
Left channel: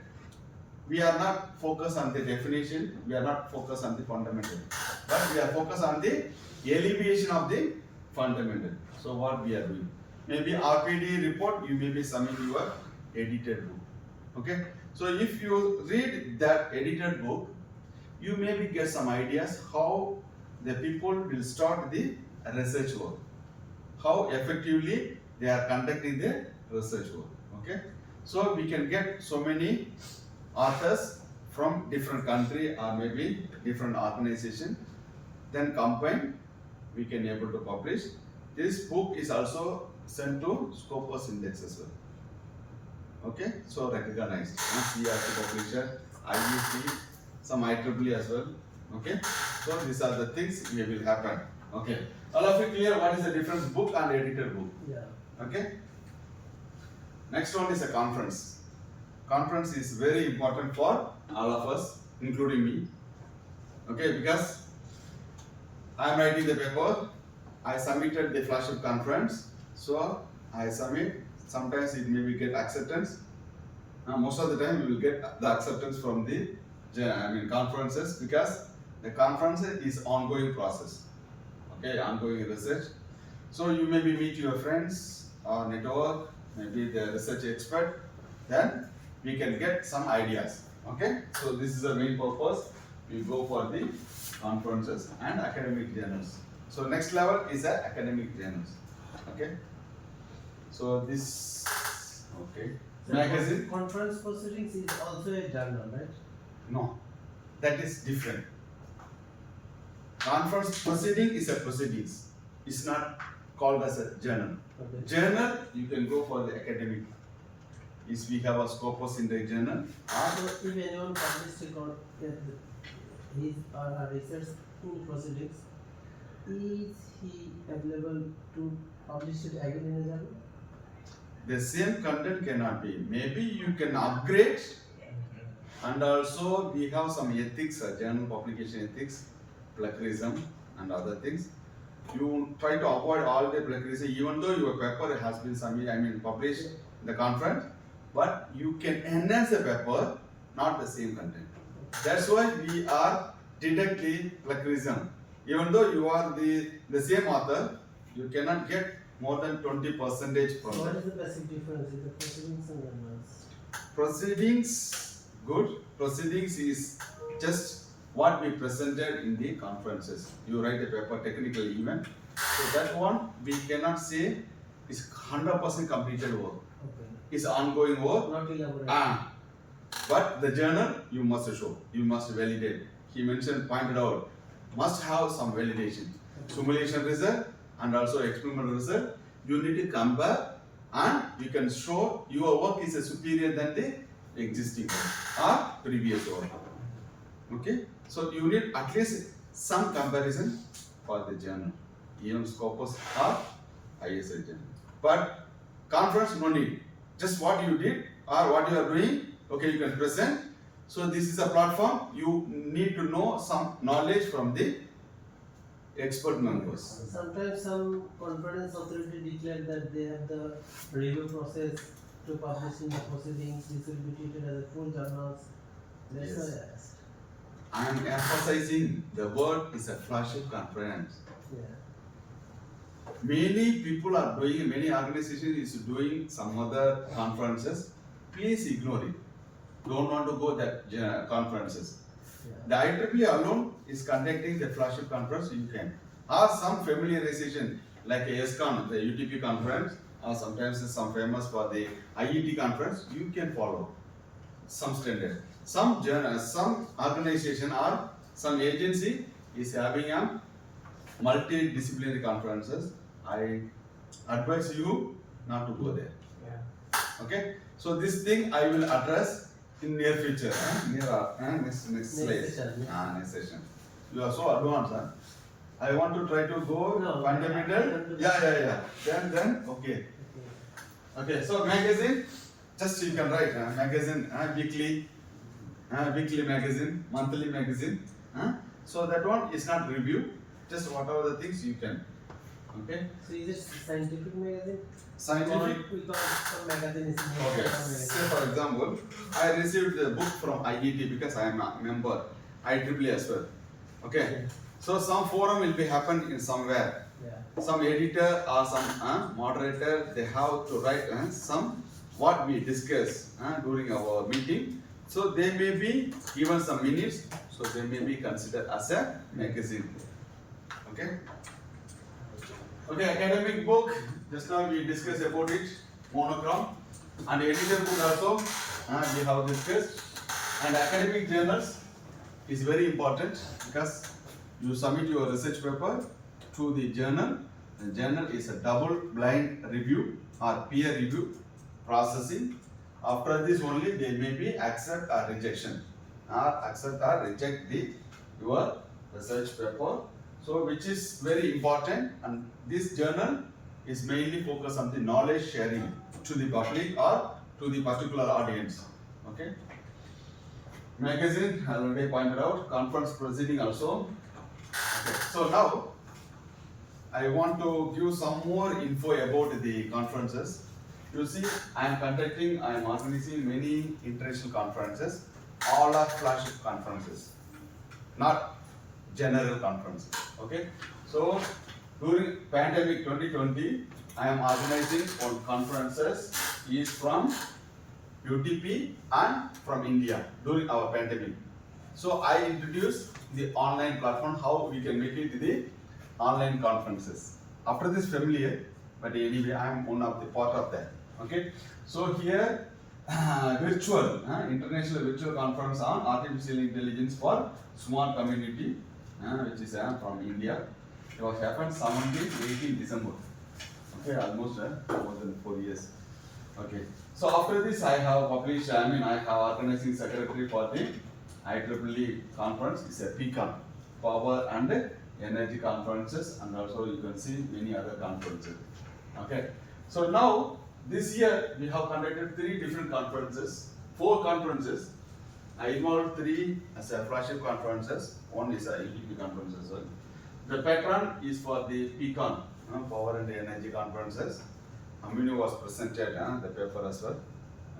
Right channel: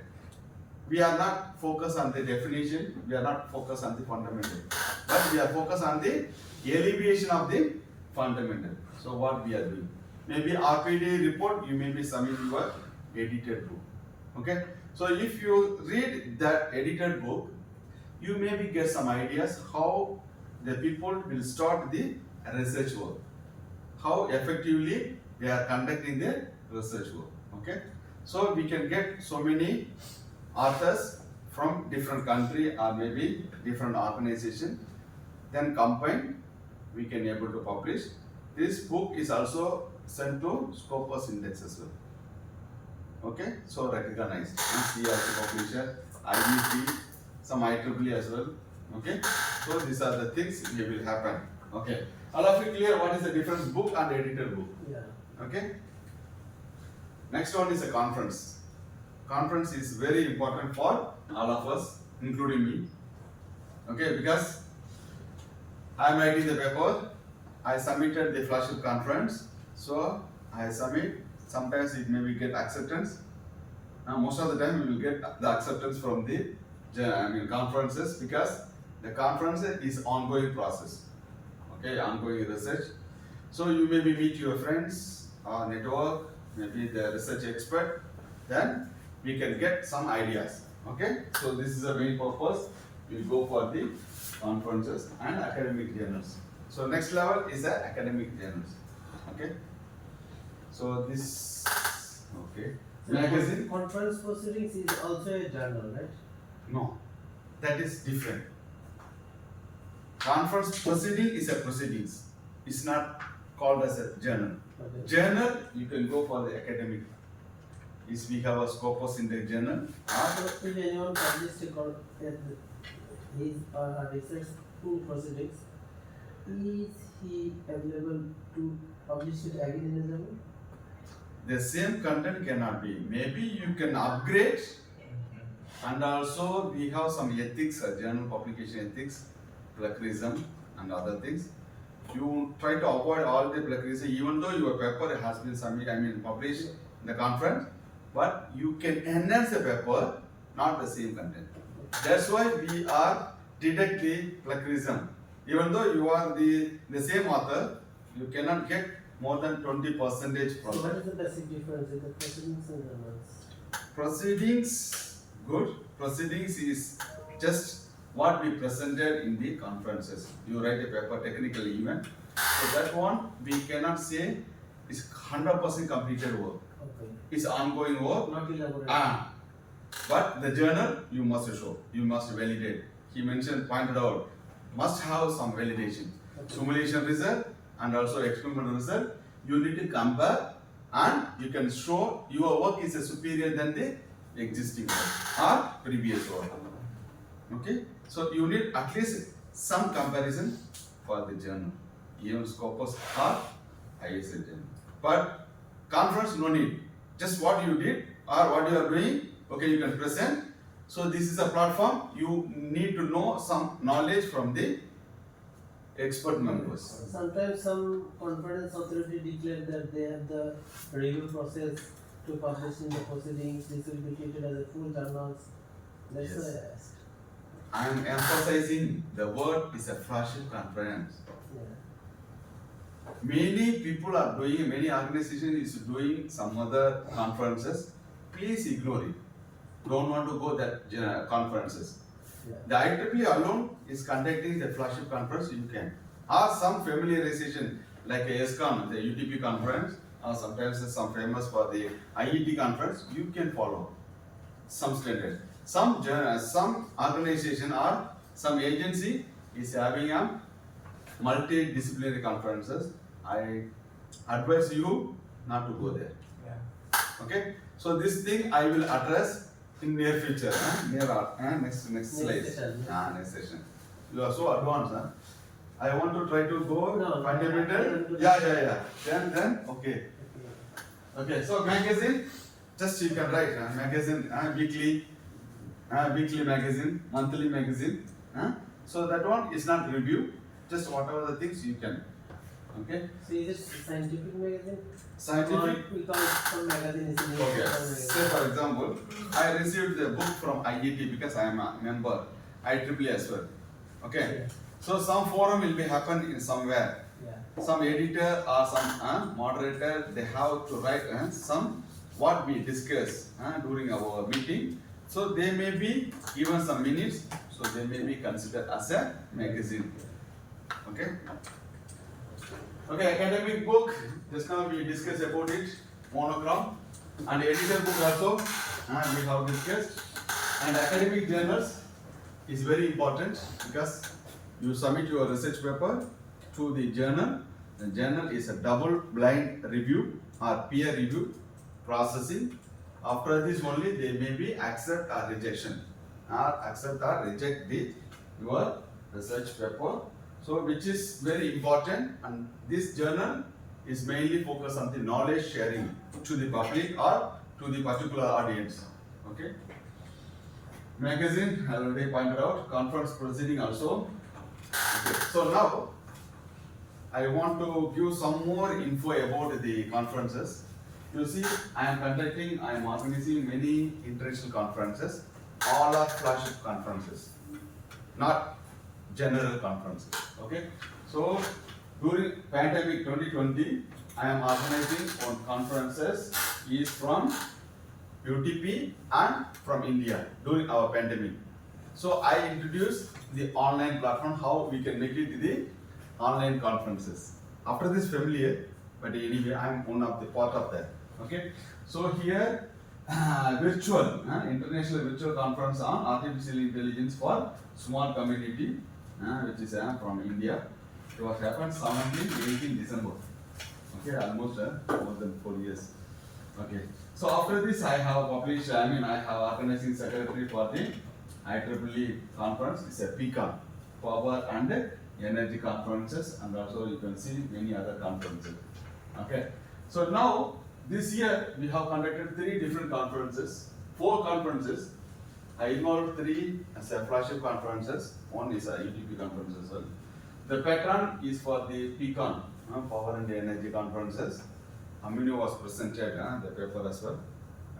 we are not focused on the definition, we are not focused on the fundamental, but we are focused on the elevation of the fundamental. So what we are doing, maybe RPD report, you may be submitting your edited book. Okay, so if you read that edited book, you maybe get some ideas how the people will start the research work, how effectively they are conducting their research work. Okay, so we can get so many authors from different country or maybe different organization, then combine, we can able to publish. This book is also sent to Scopus Index as well. Okay, so recognized, CRC publisher, IEC, some IEEE as well. Okay, so these are the things we will happen. Okay, all of you clear what is the difference book and edited book? Yeah. Okay. Next one is a conference. Conference is very important for all of us, including me. Okay, because I am writing the paper, I submitted the flagship conference, so I submit. Sometimes it may be get acceptance. Most of the time we will get the acceptance from the conferences, because the conference is ongoing process. Okay, ongoing research. So you maybe meet your friends or network, maybe the research expert, then we can get some ideas. Okay, so this is the main purpose. We go for the conferences and academic journals. So next level is the academic journals. Okay, so this, okay, So magazine. Conference proceedings is also a journal, right? No, that is different. Conference proceeding is a proceedings. It's not called as a journal. Okay. Journal, you can go for the academic. Is we have a Scopus Index journal. So if anyone published his or her research in proceedings, is he available to publish it again in a journal? The same content cannot be. Maybe you can upgrade, and also we have some ethics, journal publication ethics, plagiarism and other things. You try to avoid all the plagiarism, even though your paper has been published in the conference, but you can enhance the paper, not the same content. That's why we are detect the plagiarism. Even though you are the same author, you cannot get more than 20% from So what that. is the basic difference in the proceedings and journals? Proceedings, good. Proceedings is just what we presented in the conferences. You write a paper, technical event. So that one we cannot say is 100% completed work. Okay. It's ongoing work. Not elaborate. But the journal you must show, you must validate. He mentioned, pointed out, must have some validation. Okay. Simulation result and also experimental result. You need to compare and you can show your work is superior than the existing work or previous work. Okay, so you need at least some comparison for the journal, even Scopus or ISA journal. But conference, no need. Just what you did or what you are doing, okay, you can present. So this is a platform. You need to know some knowledge from the expert members. Sometimes some conference authority declare that they have the review process to publish in the proceedings. This will be treated as a full journals. That's Yes. why I asked. I am emphasizing the word is a flagship conference. Yeah. Many people are doing, many organizations is doing some other conferences. Please ignore it. Don't want to go that conferences. Yeah. The IEEE alone is conducting the flagship conference, you can. Or some familiarization like a ESCON, the UTP conference, or sometimes some famous for the IET conference, you can follow some standard. Some organization or some agency is having a multidisciplinary conferences. I advise you not to go there. Yeah. Okay, so this thing I will address in near future. Next slide. session, yeah. Next session. You are so advanced, huh? I want to try to go No, fundamental. Yeah. Then okay. Okay. So magazine, just you can write magazine, weekly magazine, monthly magazine. So that one is not review. Just whatever the things you can. Okay. So is it scientific magazine? Or Scientific. we call it some magazine is in Okay. some magazine. Say for example, I received the book from IET because I am a member, IEEE as well. Okay. Yeah. So some forum will be happen in somewhere. Yeah. Some editor or some moderator, they have to write some what we discuss during our meeting. So they may be given some minutes. So they may be considered as a magazine. Okay. Okay, academic book. Just now we discussed about it, monochrome, and editor book also we have discussed. And academic journals is very important because you submit your research paper to the journal. The journal is a double-blind review or peer review processing. After this only they may be accept or rejection, or accept or reject your research paper. So which is very important, and this journal is mainly focused on the knowledge sharing to the public or to the particular audience. Okay. Magazine, I already pointed out, conference proceeding also. Okay. So now, I want to give some more info about the conferences. You see, I am organizing many international conferences. All are flagship conferences, not general conferences. Okay. So During pandemic 2020, I am organizing on conferences is from UTP and from India during our pandemic. So I introduced the online platform, how we can make it the online conferences. After this familiar, but anyway, I am one of the part of that. Okay. So here, virtual, international virtual conference on artificial intelligence for small community, which is from India. It was happened 17-18 December. Okay, almost more than 4 years. Okay. So after this, I have published. I have organizing secretary for the IEEE conference. It's a PCON, Power and Energy conferences, and also you can see many other conferences. Okay. So now this year we have conducted 3 different conferences, 4 conferences. I involved 3 as a flagship conferences. One is a UTP conference as well. The patron is for the PCON, Power and Energy conferences. Aminu was presented the paper as well.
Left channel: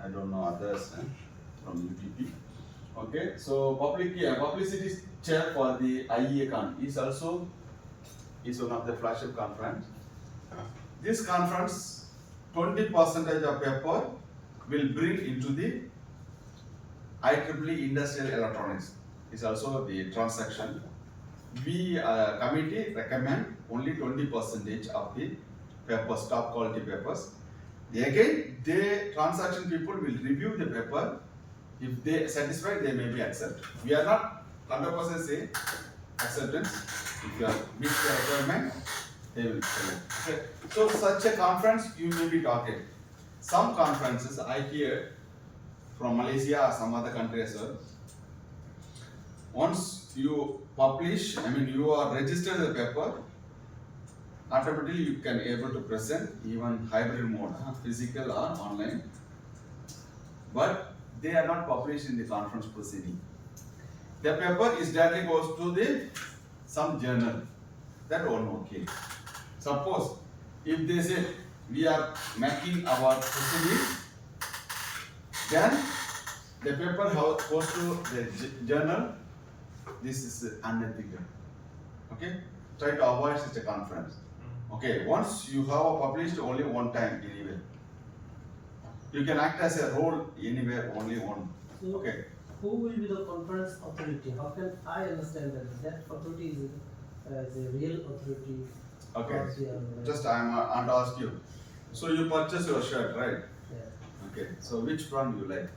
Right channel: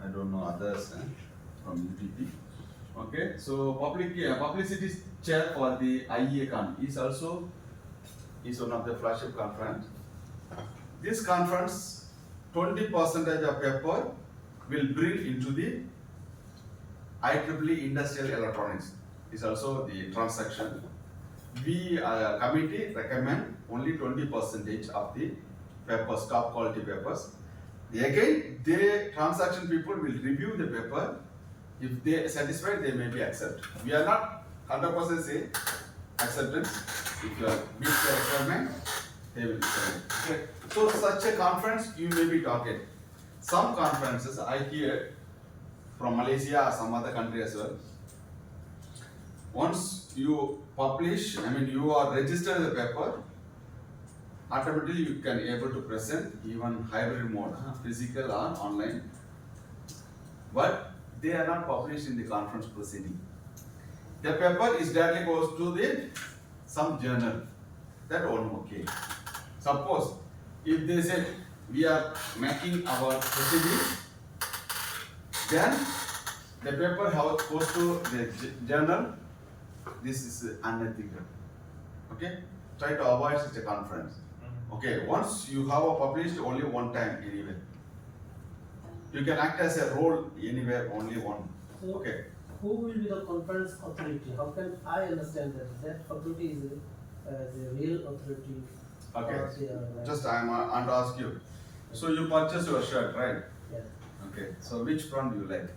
I don't know others from UTP. Okay, so publicity chair for the IEACON is also one of the flagship conference. This conference, 20% of paper will bring into the IEEE Industrial Electronics. Is also the transaction. We committee recommend only 20% of the papers, top quality papers. Again, the transaction people will review the paper. If they satisfied, they may be accepted. We are not 100% say acceptance. If you are meet the requirement, they will select. Okay. So such a conference you may be talking. Some conferences I hear from Malaysia or some other country as well. Once you publish, you are registered the paper, automatically you can able to present even hybrid mode, physical or online. But they are not published in the conference proceeding. The paper is directly goes to the some journal. That one okay. Suppose if they say we are making our proceeding, then the paper goes to the journal. This is unethical. Okay? Try to avoid such a conference. Okay, once you have published only one time anywhere. You can act as a role anywhere, only one. So, Okay. who will be the conference authority? How can I understand that authority is a real authority? Okay. for the, Just I am and ask you. So you purchase your shirt, right? yeah. Okay. So which brand you like?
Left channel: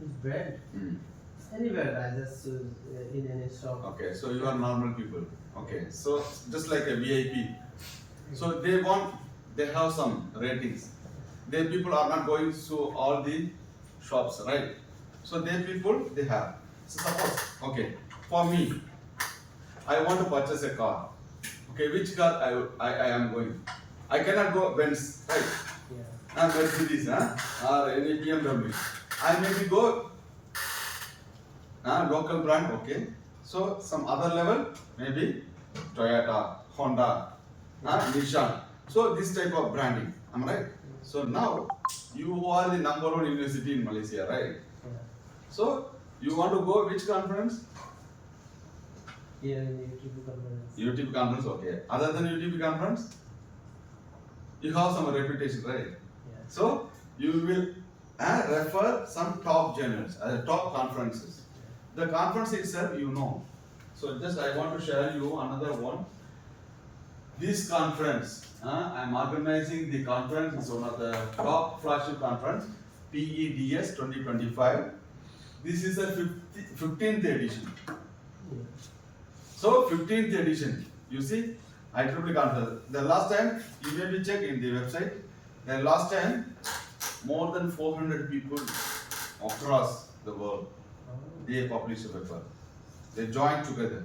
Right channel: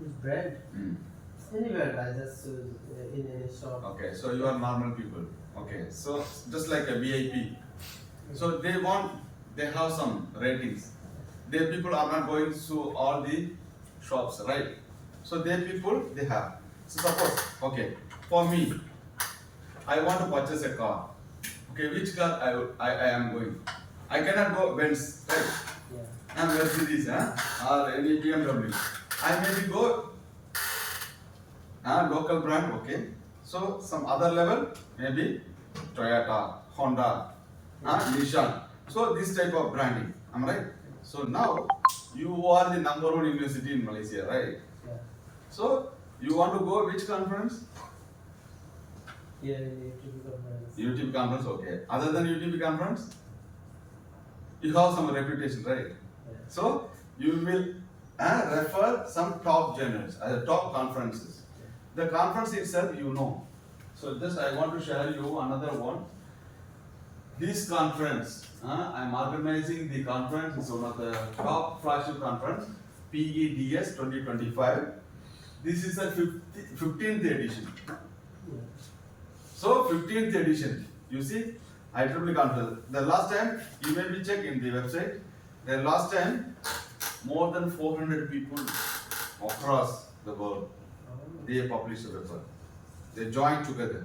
Which brand? Anywhere, I just in any shop. Okay. So you are normal people. Okay. So just like a VIP. So they have some ratings. They people are not going to all the shops, right? So they people they have. So suppose, okay, for me, I want to purchase a car. Okay, which car I am going? I cannot go Benz, right? Yeah. Mercedes, or any BMW. I maybe go local brand, okay. So some other level, maybe Toyota, Honda, Nissan. So this type of branding, am I right? So now you are the #1 university in Malaysia, right? Yeah. So you want to go which conference? Here in the YouTube conference. UTP conference, okay. Other than UTP conference, you have some reputation, right? Yeah. So you will refer some top journals, top conferences. The conference itself, you know. So just I want to share you another one. This conference, I am organizing the conference. Is one of the top flagship conference, PEDS 2025. This is the 15th edition. Yeah. So 15th edition, you see, IEEE conference. The last time, you may be checked in the website. The last time, more than 400 people across the world, they published the paper. They joined together.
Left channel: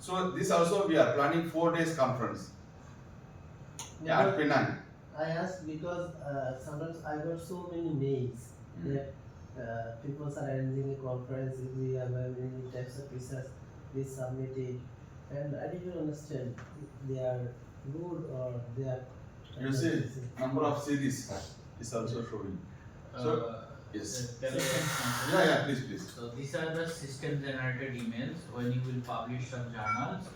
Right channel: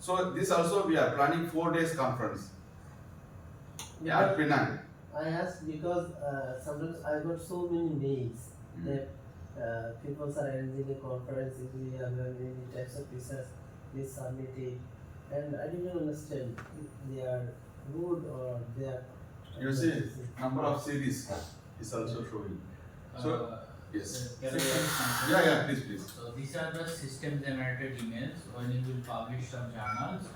So this also we are planning 4 days conference Yeah, at but Penang. I asked because sometimes I got so many mails that people are arranging a conference. If we have many types of research, they submit it, and I didn't understand if they are good or they are. You see, number of series is also showing. So Yes. Can I add something? Yeah, please, please. So these are the system generated emails. When you will publish some journals,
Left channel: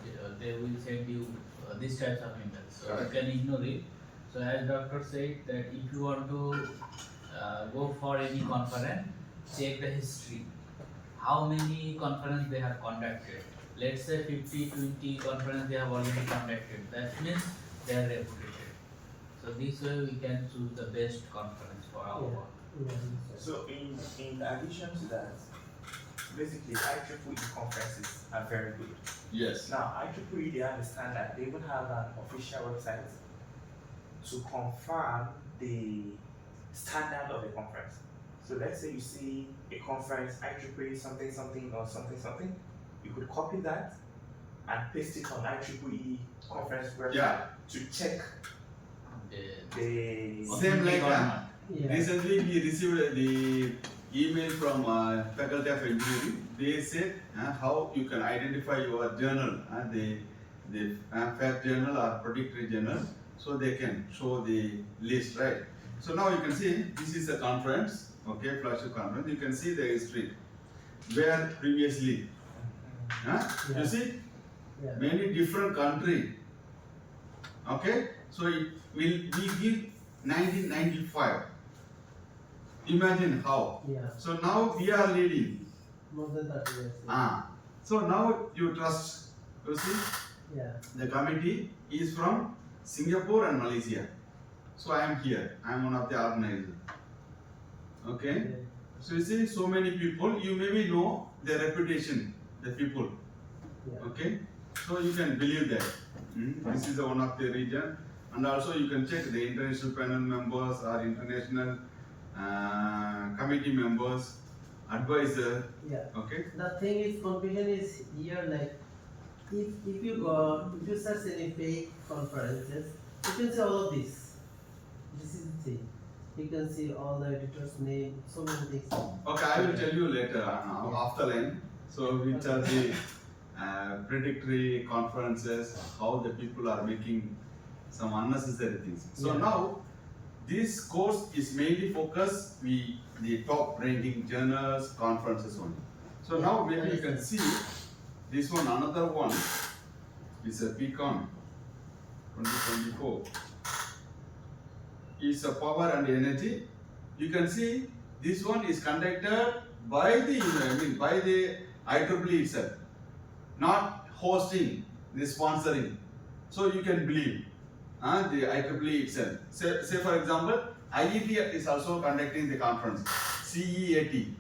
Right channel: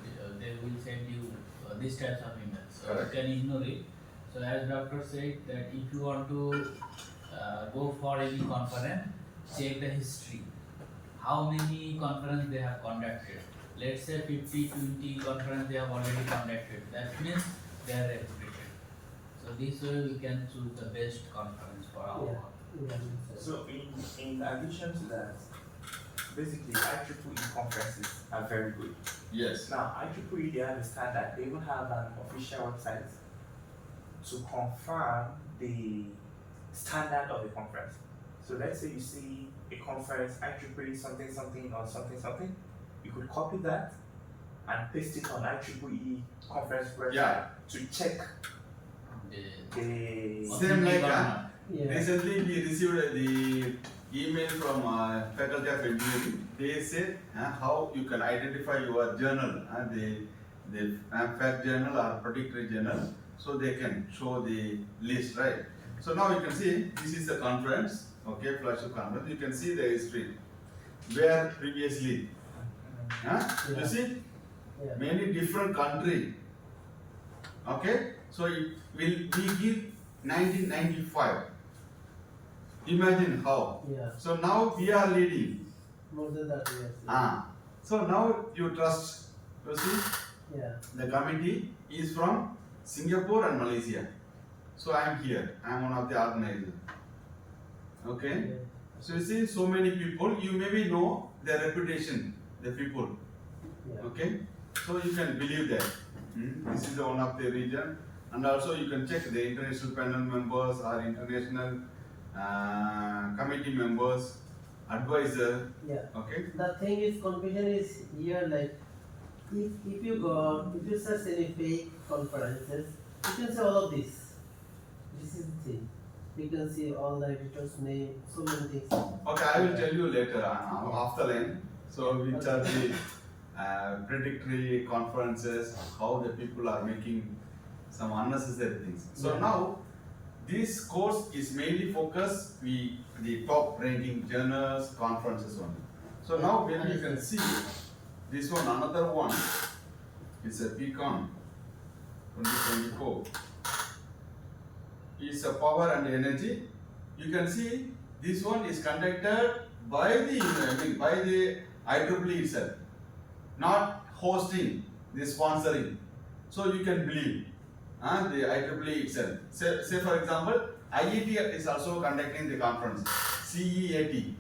they will send you these types of emails. So Correct. you can ignore it. So as doctor said that if you want to go for any conference, check the history. How many conference they have conducted. Let's say 50, 20 conference they have already conducted. That means they are reputed. So this way we can choose the best conference for our Yeah. work. Yeah. So in addition to that, basically IEEE conferences are very good. Yes. Now IEEE, they understand that they even have an official website to confirm the standard of the conference. So let's say you see a conference IEEE something something or something something, you could copy that and paste it on IEEE conference website Yeah. to check The the Same like, Yeah. recently we received the email from Faculty of Engineering. They said how you can identify your journal and the fact journal or predictory journal, so they can show the list, right? So now you can see this is a conference, okay, flagship conference. You can see the history where previously, Yeah. you see Yeah. many different country, okay. So it will we give 1995. Imagine how. Yeah. So now we are leading. More than 30 years. Yeah. So now you trust. You see, Yeah. the committee is from Singapore and Malaysia. So I am here. I am one of the organizers. Okay. Yeah. So you see, so many people. You maybe know their reputation, the people. Yeah. Okay. So you can believe that. This is one of the region, and also you can check the international panel members or international committee members, advisor. Yeah. Okay. The thing is, confusion is here, like, if you search any fake conferences, you can see all of this. This is the thing. You can see all the editors' name, so many things. Okay, I will tell you later after then. So which are the predictory conferences, how the people are making some unnecessary things. So Yeah. now this course is mainly focused the top ranking journals, conferences only. So now maybe you can see this one, another one is a Pecan 2024. Is a power and energy. You can see this one is conducted by the IEEE itself, not hosting, the sponsoring. So you can believe the IEEE itself. Say for example, IET is also conducting the conference, CEAT,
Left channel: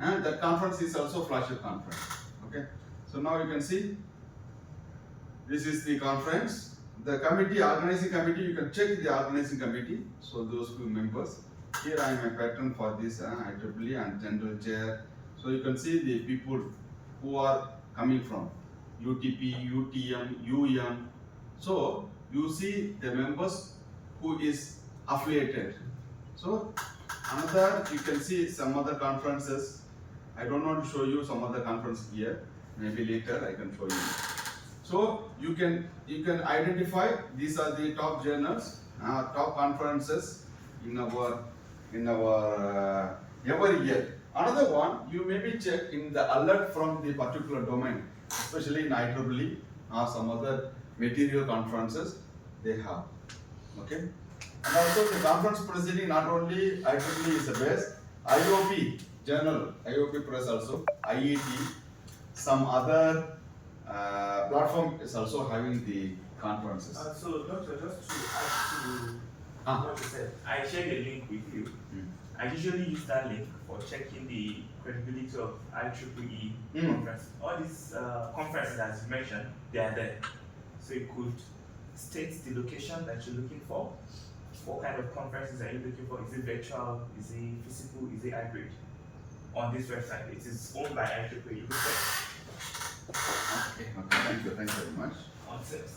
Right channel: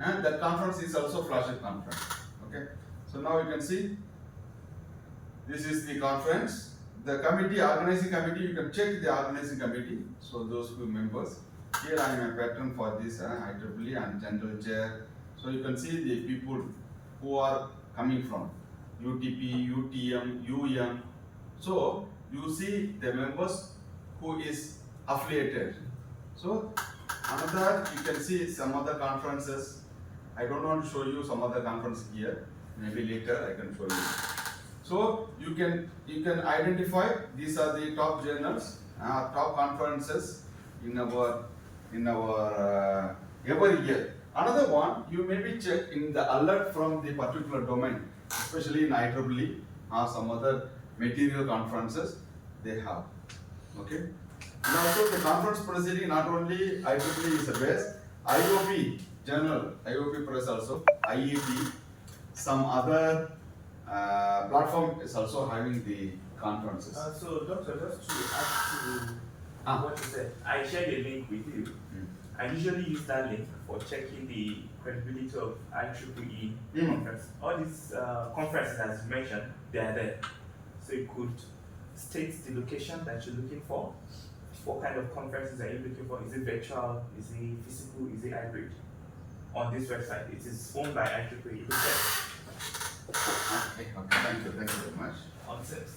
and that conference is also flagship conference. Okay, so now you can see this is the conference. The committee, organizing committee, you can check the organizing committee. So those who members. Here I am a patron for this IEEE and general chair. So you can see the people who are coming from UTP, UTM, UM. So you see the members who is affiliated. So another, you can see some other conferences. I don't want to show you some other conference here. Maybe later I can show you. So you can identify these are the top journals, top conferences in our every year. Another one, you maybe check in the alert from the particular domain, especially in IEEE or some other material conferences they have. Okay, and also the conference proceeding, not only IEEE is the best, IOP journal, IOP press also, IET, some other platform is also having the conferences. So doctor, just to add Ah. to what you said, I shared a link with you. I usually use that link for checking the credibility of IEEE conference. All these conferences as you mentioned, they are there. So you could state the location that you're looking for. What kind of conferences are you looking for? Is it virtual? Is it physical? Is it hybrid? On this website, it is owned by IEEE. You can check Okay, thank you very much. on 6.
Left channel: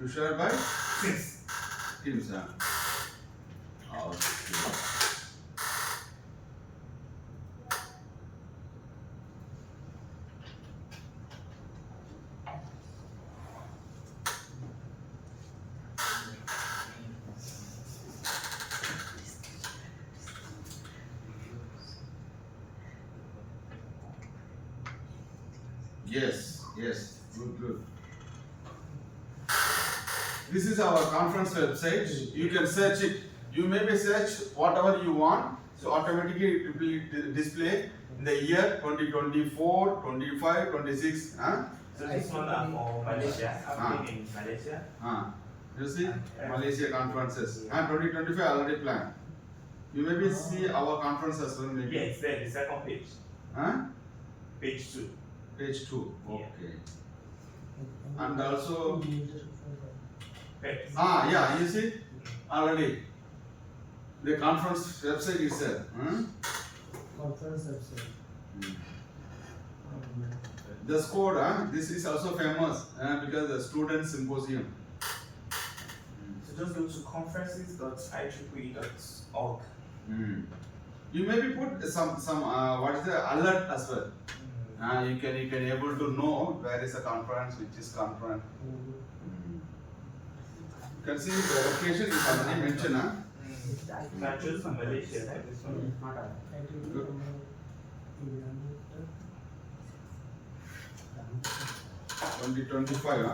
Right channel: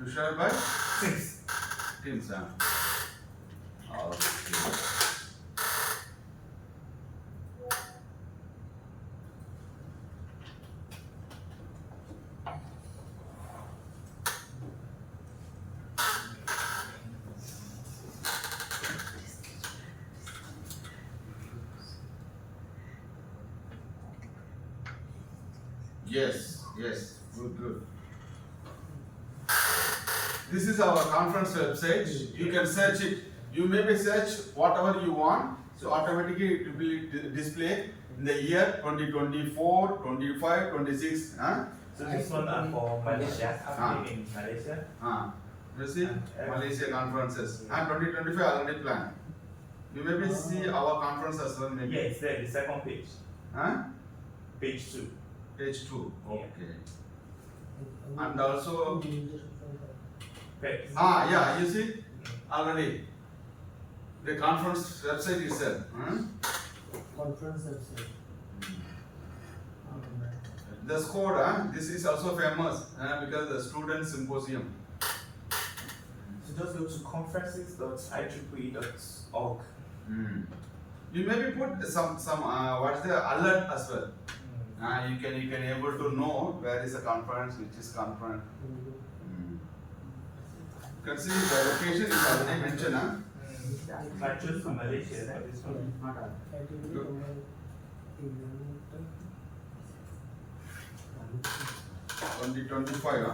You share by 6. Teams, okay. Yes, yes, good, good. This is our conference website. You can search it. You maybe search whatever you want. So automatically it will be display in the year 2024, 25, 26. Huh? So this one are for Malaysia. I'm in Malaysia. You see Malaysia conferences. And 2025 already planned. You maybe see our conference as well maybe. Yeah, it's there, the second page. Huh? Page 2. Page 2. Yeah. Okay. And also Page. yeah, you see already the conference website is there. Conference website. The score, this is also famous because the student symposium. So just go to conferences.ieee.org. You maybe put some what is the alert as well. You can able to know where is the conference, which is conference. You can see the location is already mentioned. I choose Malaysia, right? This one. Not all. 2025.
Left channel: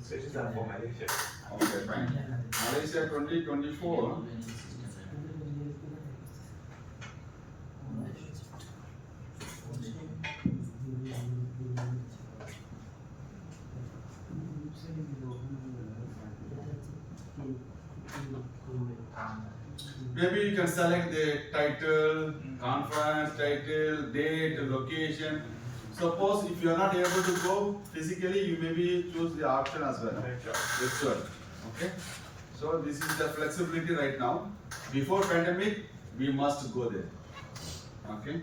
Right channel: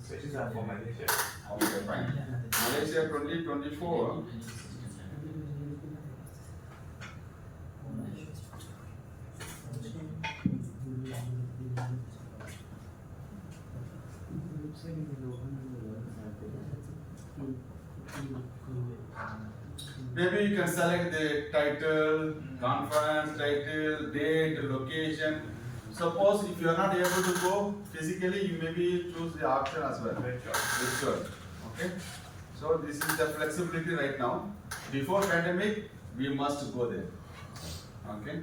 So this is for Malaysia. Okay, fine. Malaysia 2024. Maybe you can select the title, conference title, date, location. Suppose if you are not able to go physically, you maybe choose the option as well. Virtual. Okay. So this is the flexibility right now. Before pandemic, we must go there. Okay.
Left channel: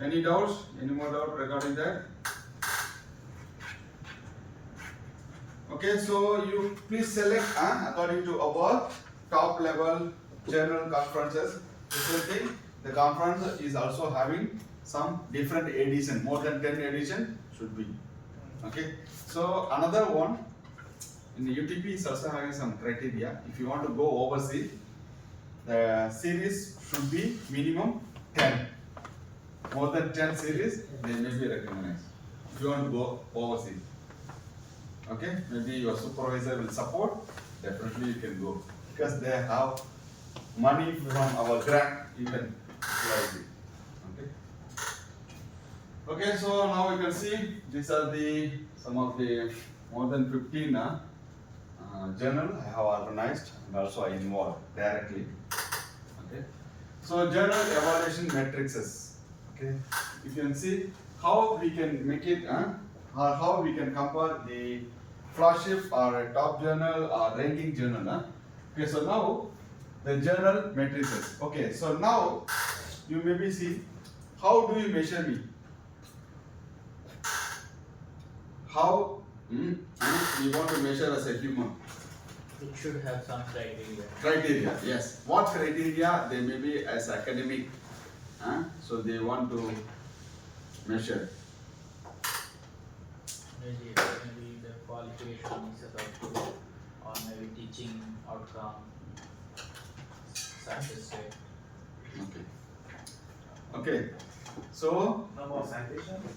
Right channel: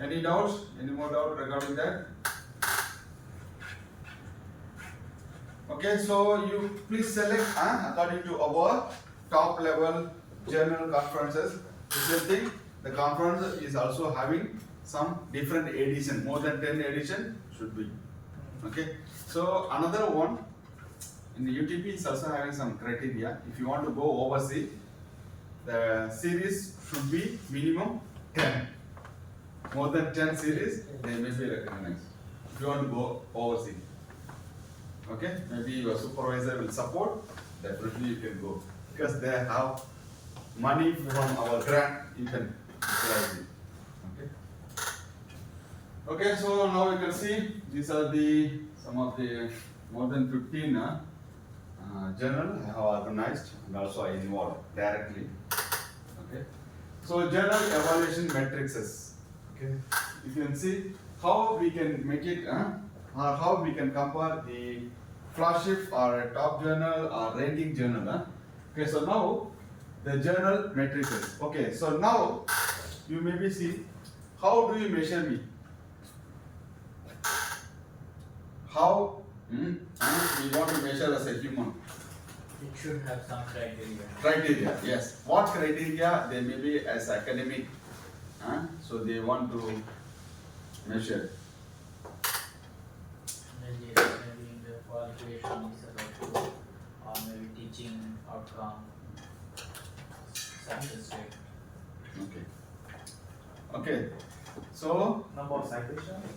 Any doubts? Any more doubt regarding that? Okay, so you please select according to our top level general conferences. The same thing, the conference is also having some different edition, more than 10 edition should be. Okay, so another one in the UTP is also having some criteria. If you want to go overseas, the series should be minimum 10. More than 10 series, they may be recognized. If you want to go overseas. Okay, maybe your supervisor will support, definitely you can go. Because they have money from our grant, you can utilize it. Okay. Okay, so now you can see these are the some of the more than 15 journal I have organized and also I involved directly. Okay. So journal evaluation matrices. Okay. You can see how we can make it or how we can compare the flagship or a top journal or ranking journal. Okay, so now the journal matrices. Okay, so now you maybe see how do you measure me? How we want to measure as a human? It should have some criteria. Criteria, yes. What criteria they may be as academic? So they want to measure. Maybe the qualification is about, or maybe teaching outcome, success rate. Okay. Okay. So Number of citations.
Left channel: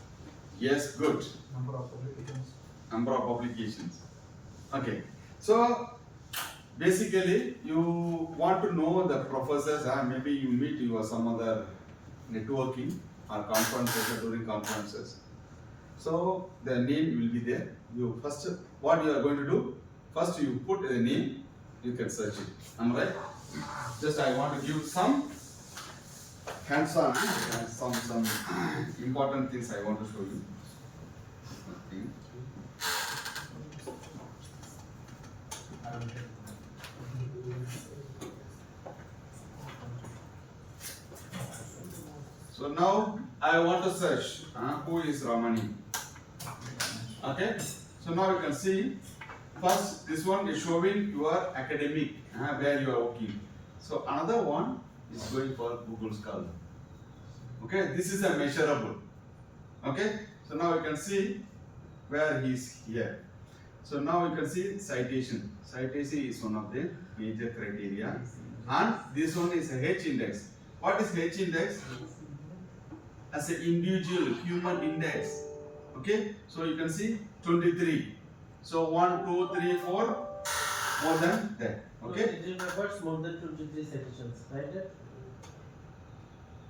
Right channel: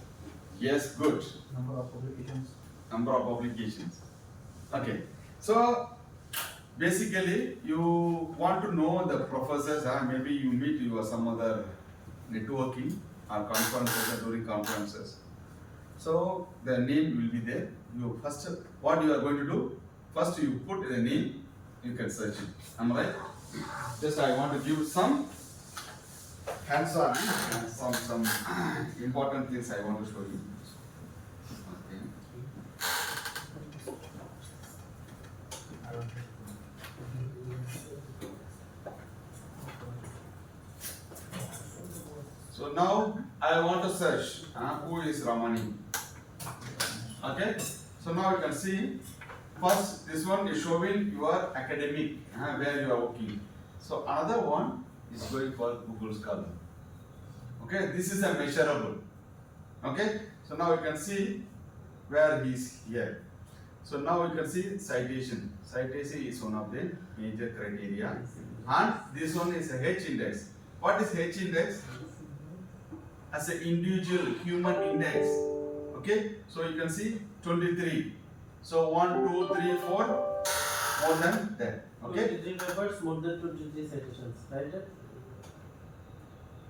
yes, good. Number of publications. Number of publications. Okay. So basically, you want to know the professors. Maybe you meet your some other networking or conferences or during conferences. So the name will be there. You first, what you are going to do? First, you put the name. You can search it. Am I right? Just I want to give some hands-on and some important things I want to show you. Okay. So now I want to search who is Ramani. Okay. So now you can see first this one is showing your academic where you are working. So another one is going for Google Scholar. Okay. This is a measurable. Okay. So now you can see where he is here. So now you can see citation. Citation is one of the major criteria. And this one is a H index. What is H index? As an individual human index. Okay, so you can see 23. So 1, 2, 3, 4, more than that. Okay, 23 papers, more than 23 citations, right?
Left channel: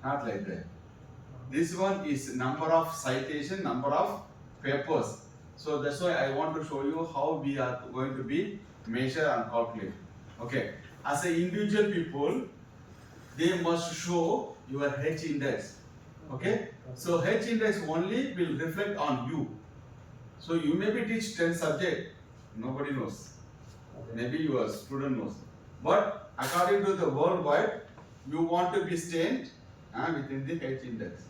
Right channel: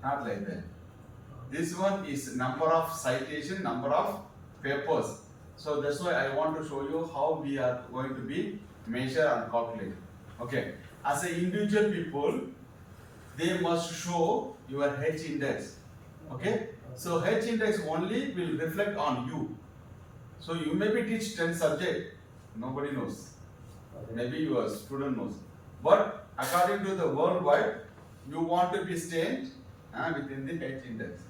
not like that. This one is number of citation, number of papers. So that's why I want to show you how we are going to be measure and calculate. Okay, as an individual people, they must show your H index. Okay, so H index only will reflect on you. So you maybe teach 10 subject, nobody knows. Okay. Maybe your student knows. But according to the worldwide, you want to be stained within the H index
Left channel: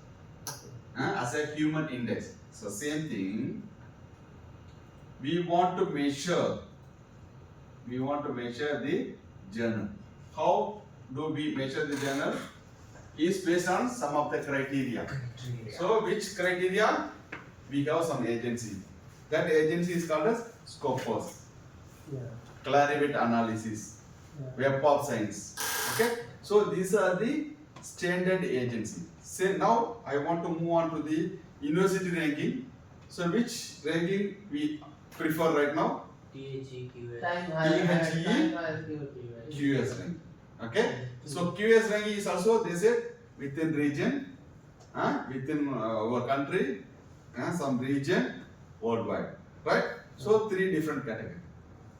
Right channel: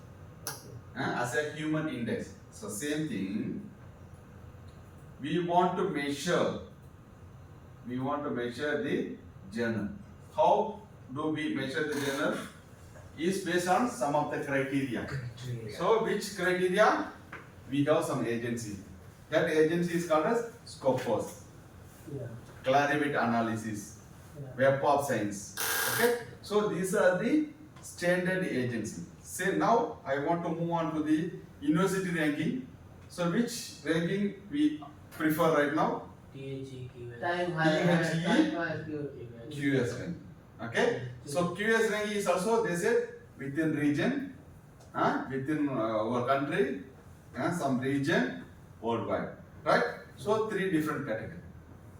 as a human index. So same thing. We want to measure the journal. How do we measure the journal? Is based on some of the criteria. So which criteria? We have some agency. That agency is called as Scopus, Yeah. Clarivate Analysis, Yeah. Web of Science. Okay, so these are the standard agency. Say now I want to move on to the university ranking. So which ranking we prefer right now? THE, QS. Time high, high, time high, QS ranking. Okay, so QS ranking is also they said within region, within our country, some region, worldwide, right? So 3 different categories.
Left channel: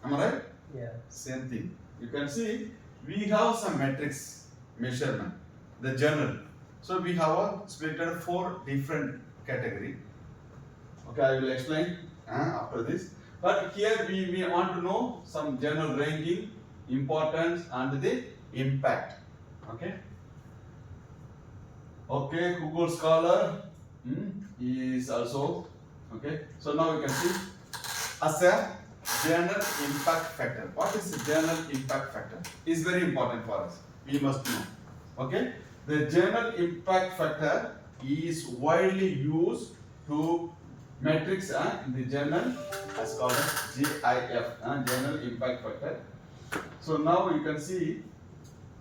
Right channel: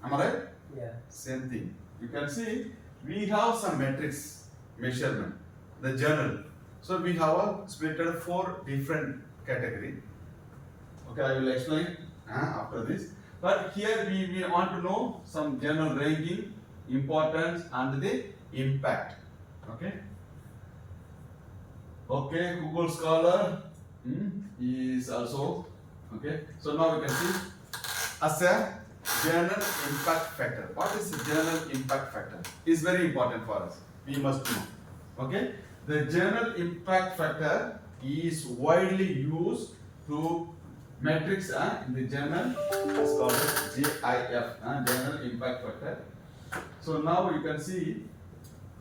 Am I right? Yeah. Same thing. You can see we have some metrics measurement, the journal. So we have a splitted 4 different category. Okay, I will explain after this. But here we want to know some journal ranking, importance and the impact. Okay. Okay, Google Scholar is also okay. So now you can see as a journal impact factor. What is the journal impact factor? Is very important for us. We must know. Okay, the journal impact factor is widely used to metrics in the journal. It's called as JIF, journal impact factor. So now you can see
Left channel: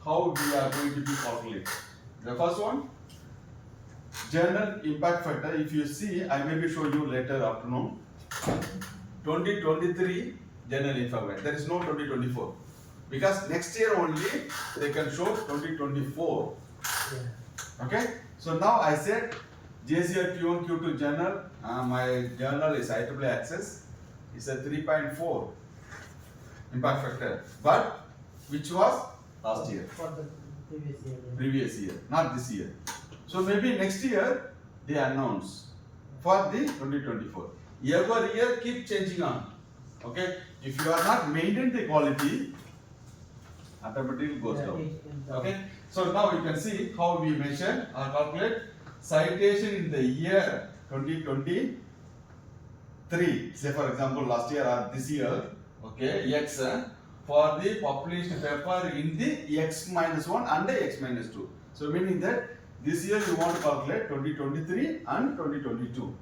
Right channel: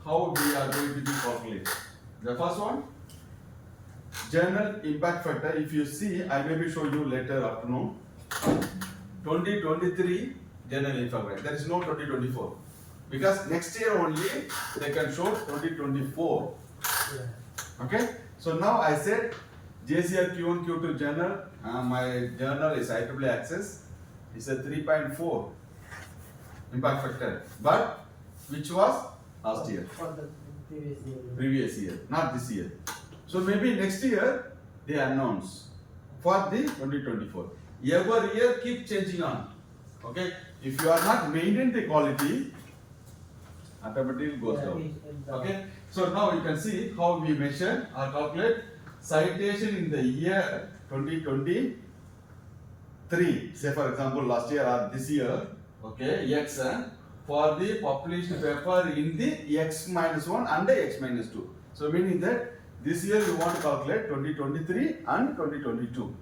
how we are going to be calculated. The first one, journal impact factor. If you see, I maybe show you later afternoon. 2023 journal impact factor. There is no 2024 because next year only they can show 2024. Yeah. Okay. So now I said JCR Q1 Q2 journal. My journal is IEEE access. It's a 3.4 impact factor. But which was last year, For the previous year. previous year, not this year. So maybe next year they announce for the 2024. Every year keep changing on. Okay. If you are not maintaining the quality, automatically goes down. Okay. So now you can see how we measure or calculate citation in the year 2023. Say for example last year or this year, okay, X for the published paper in the X-1 and X-2. So meaning that this year you want to calculate 2023 and 2022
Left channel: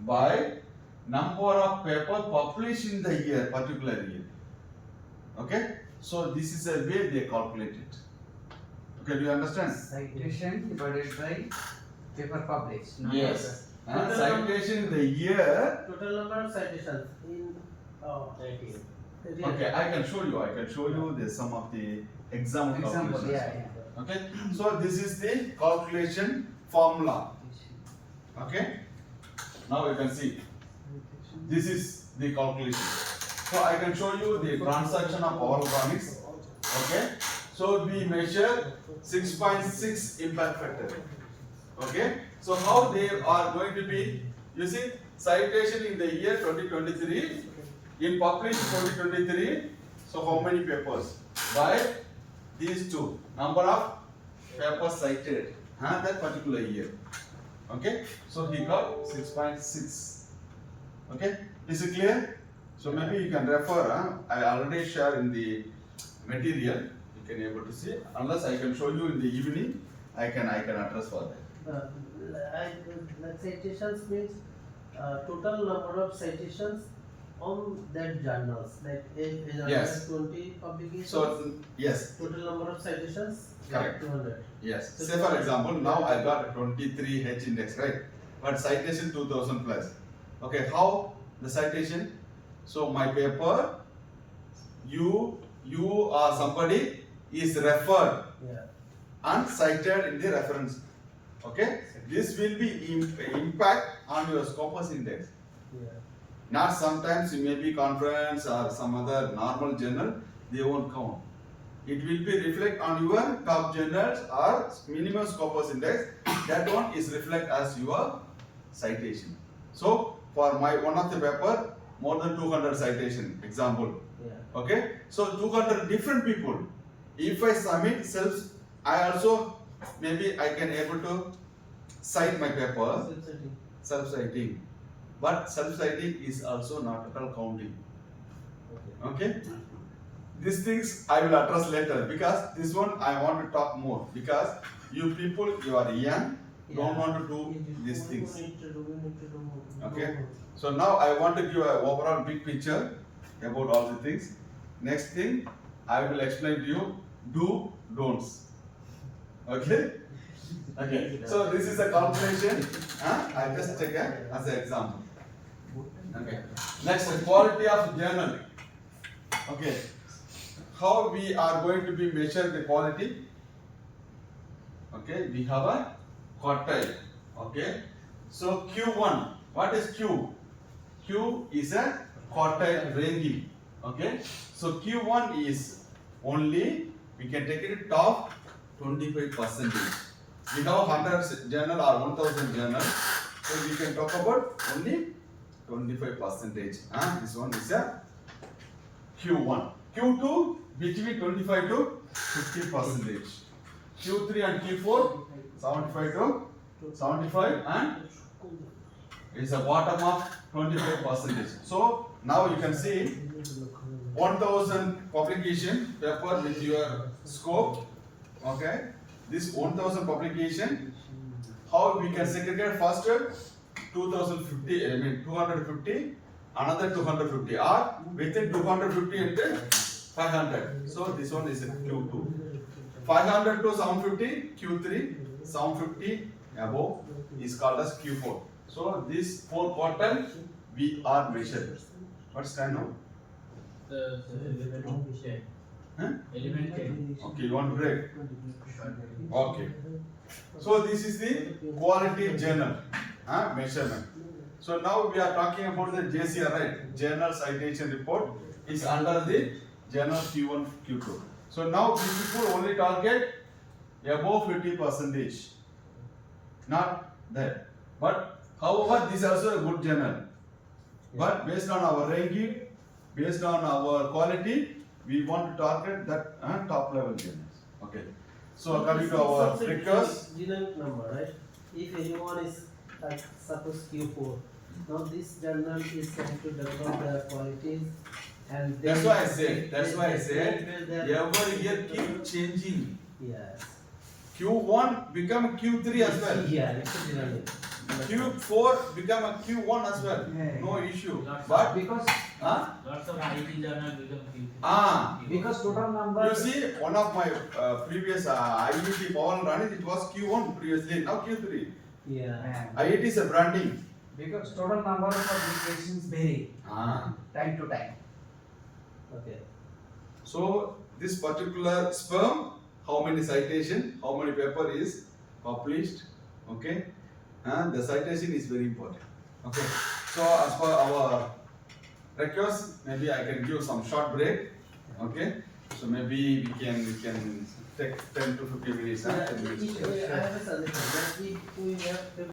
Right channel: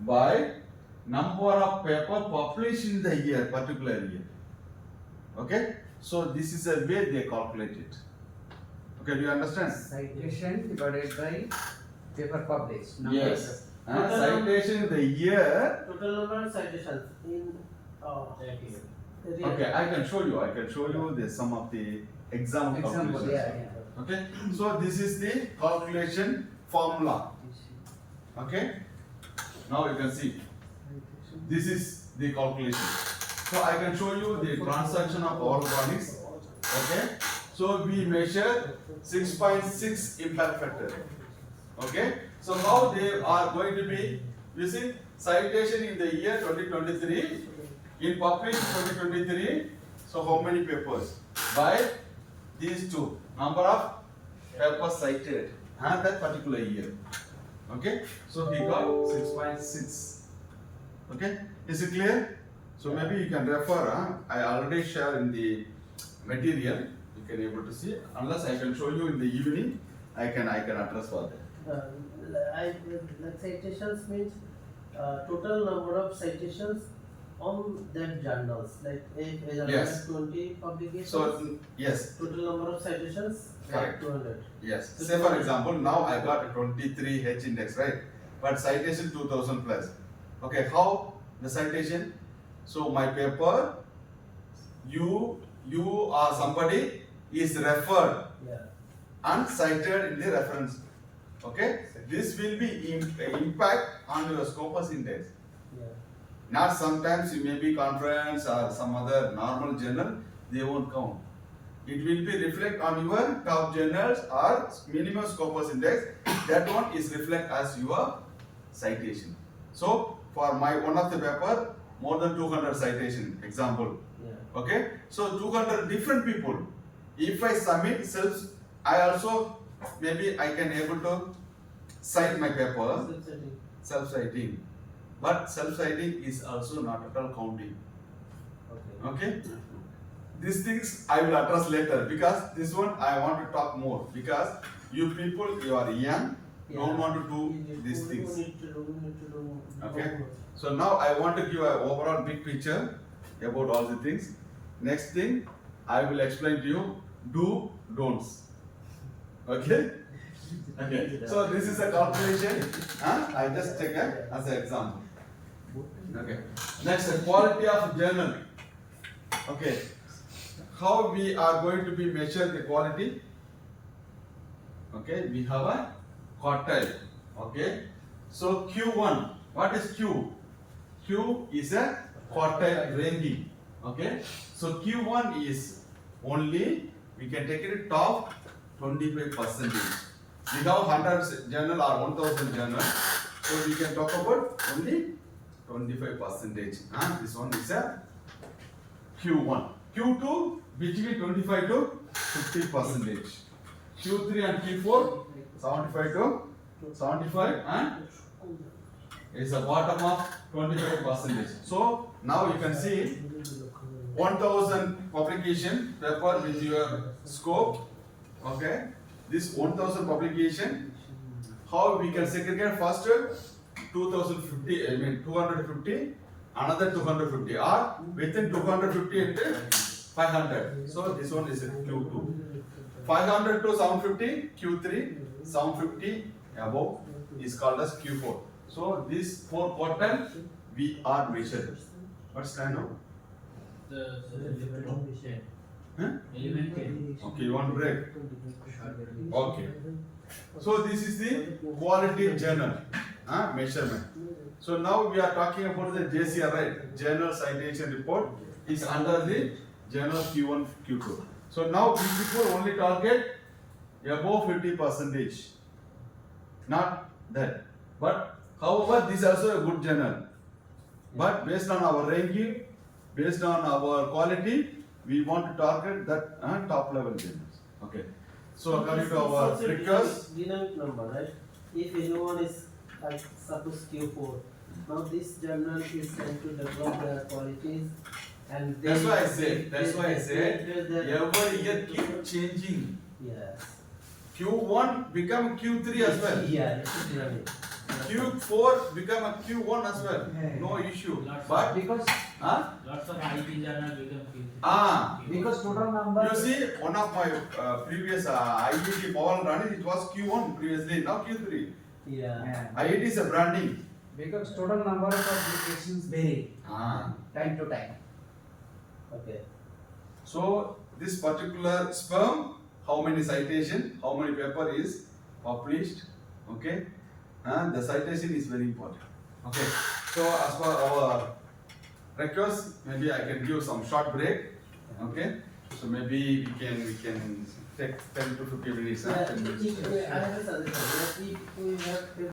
by number of paper published in the year, particular year. Okay, so this is a way they calculate it. Okay, do you understand? Citation divided by paper published. Number Yes. Total Citation the year. Total number of citations in That year. the year. Okay, I can show you. The some of the example Example, calculations. yeah. Okay, so this is the calculation formula. Okay, now you can see this is the calculation. So I can show you the transaction of organics. Okay, so we measure 6.6 impact factor. Okay, so how they are going to be using citation in the year 2023, in published 2023. So how many papers? By these two, number of papers cited that particular year. Okay, so he got 6.6. Okay, is it clear? So maybe you can refer. I already share in the material. You can able to see. Unless I can show you in the evening, I can address for that. Citations means total number of citations on that journals, like if a journal Yes. has 20 publications, So, yes, total number of citations, Correct. 200. yes. So Say for example, now I got a 23 H index, right? But citation 2000 plus. Okay, how the citation? So my paper, you or somebody is referred Yeah. and cited in the reference. Okay, this will be impact on your Scopus index. Yeah. Not sometimes you may be conference or some other normal journal, they won't count. It will be reflect on your top journals or minimum Scopus index. That one is reflect as your citation. So for my one of the paper, more than 200 citation example. Yeah. Okay, so 200 different people. If I submit I also maybe I can able to cite my paper Self-citing. self-citing. But self-citing is also not at all counting. Okay. Okay? These things I will address later because this one I want to talk more because you people, you are young, don't want to do these things. We need to do Okay. more. So now I want to give an overall big picture about all the things. Next thing, I will explain to you don'ts. Okay? Okay. So this is a calculation. I just take as an example. Okay. Next, the quality of journal. Okay. How we are going to be measure the quality? Okay, we have a quartile. Okay. So Q1, what is Q? Q is a quartile ranking. Okay. So Q1 is only, we can take it top 25%. We have 100 journal or 1000 journal. So we can talk about only 25%. This one is a Q1. Q2 between 25 to 50%. Q3 and Q4 75 to 75 and is a bottom of 25%. So now you can see 1000 publication paper with your scope. Okay, this 1000 publication, how we can segregate first 2050, I mean 250, another 250, or within 250 and 500. So this one is a Q2. 500 to 750, Q3, 750 above is called as Q4. So these 4 quartiles we are measured. What's time now? The element 10. Huh? Element 10. Okay, you want break? Okay. So this is the quality journal measurement. So now we are talking about the JCR, right? Journal Citation Report is under the journal Q1, Q2. So now we people only target above 50%. Not that. But however, this is also a good journal. But based on our ranking, based on our quality, we want to target that top level journals. Okay. So coming to our request. Dynamic number, right? If anyone is like suppose Q4, now this journal is trying to develop their qualities and That's they- why I said. That's why I they said. build their- Every year keep changing. Yes. Q1 become Q3 as well. Yeah, it's a dynamic. Q4 become a Q1 as well. No issue. But Because Lots of IT journal become because total number. you see, one of my previous IIT Pawan Rani, it was Q1 previously, now Q3. Yeah. IIT is a branding. Because total number of publications vary time to time. Okay. So this particular sperm, how many citation, how many paper is published, okay? The citation is very important. Okay. So as per our request, maybe I can give some short break. Okay. So maybe we can take 10 to 50 minutes. Yeah, 10 minutes. I have a suggestion. Like if we have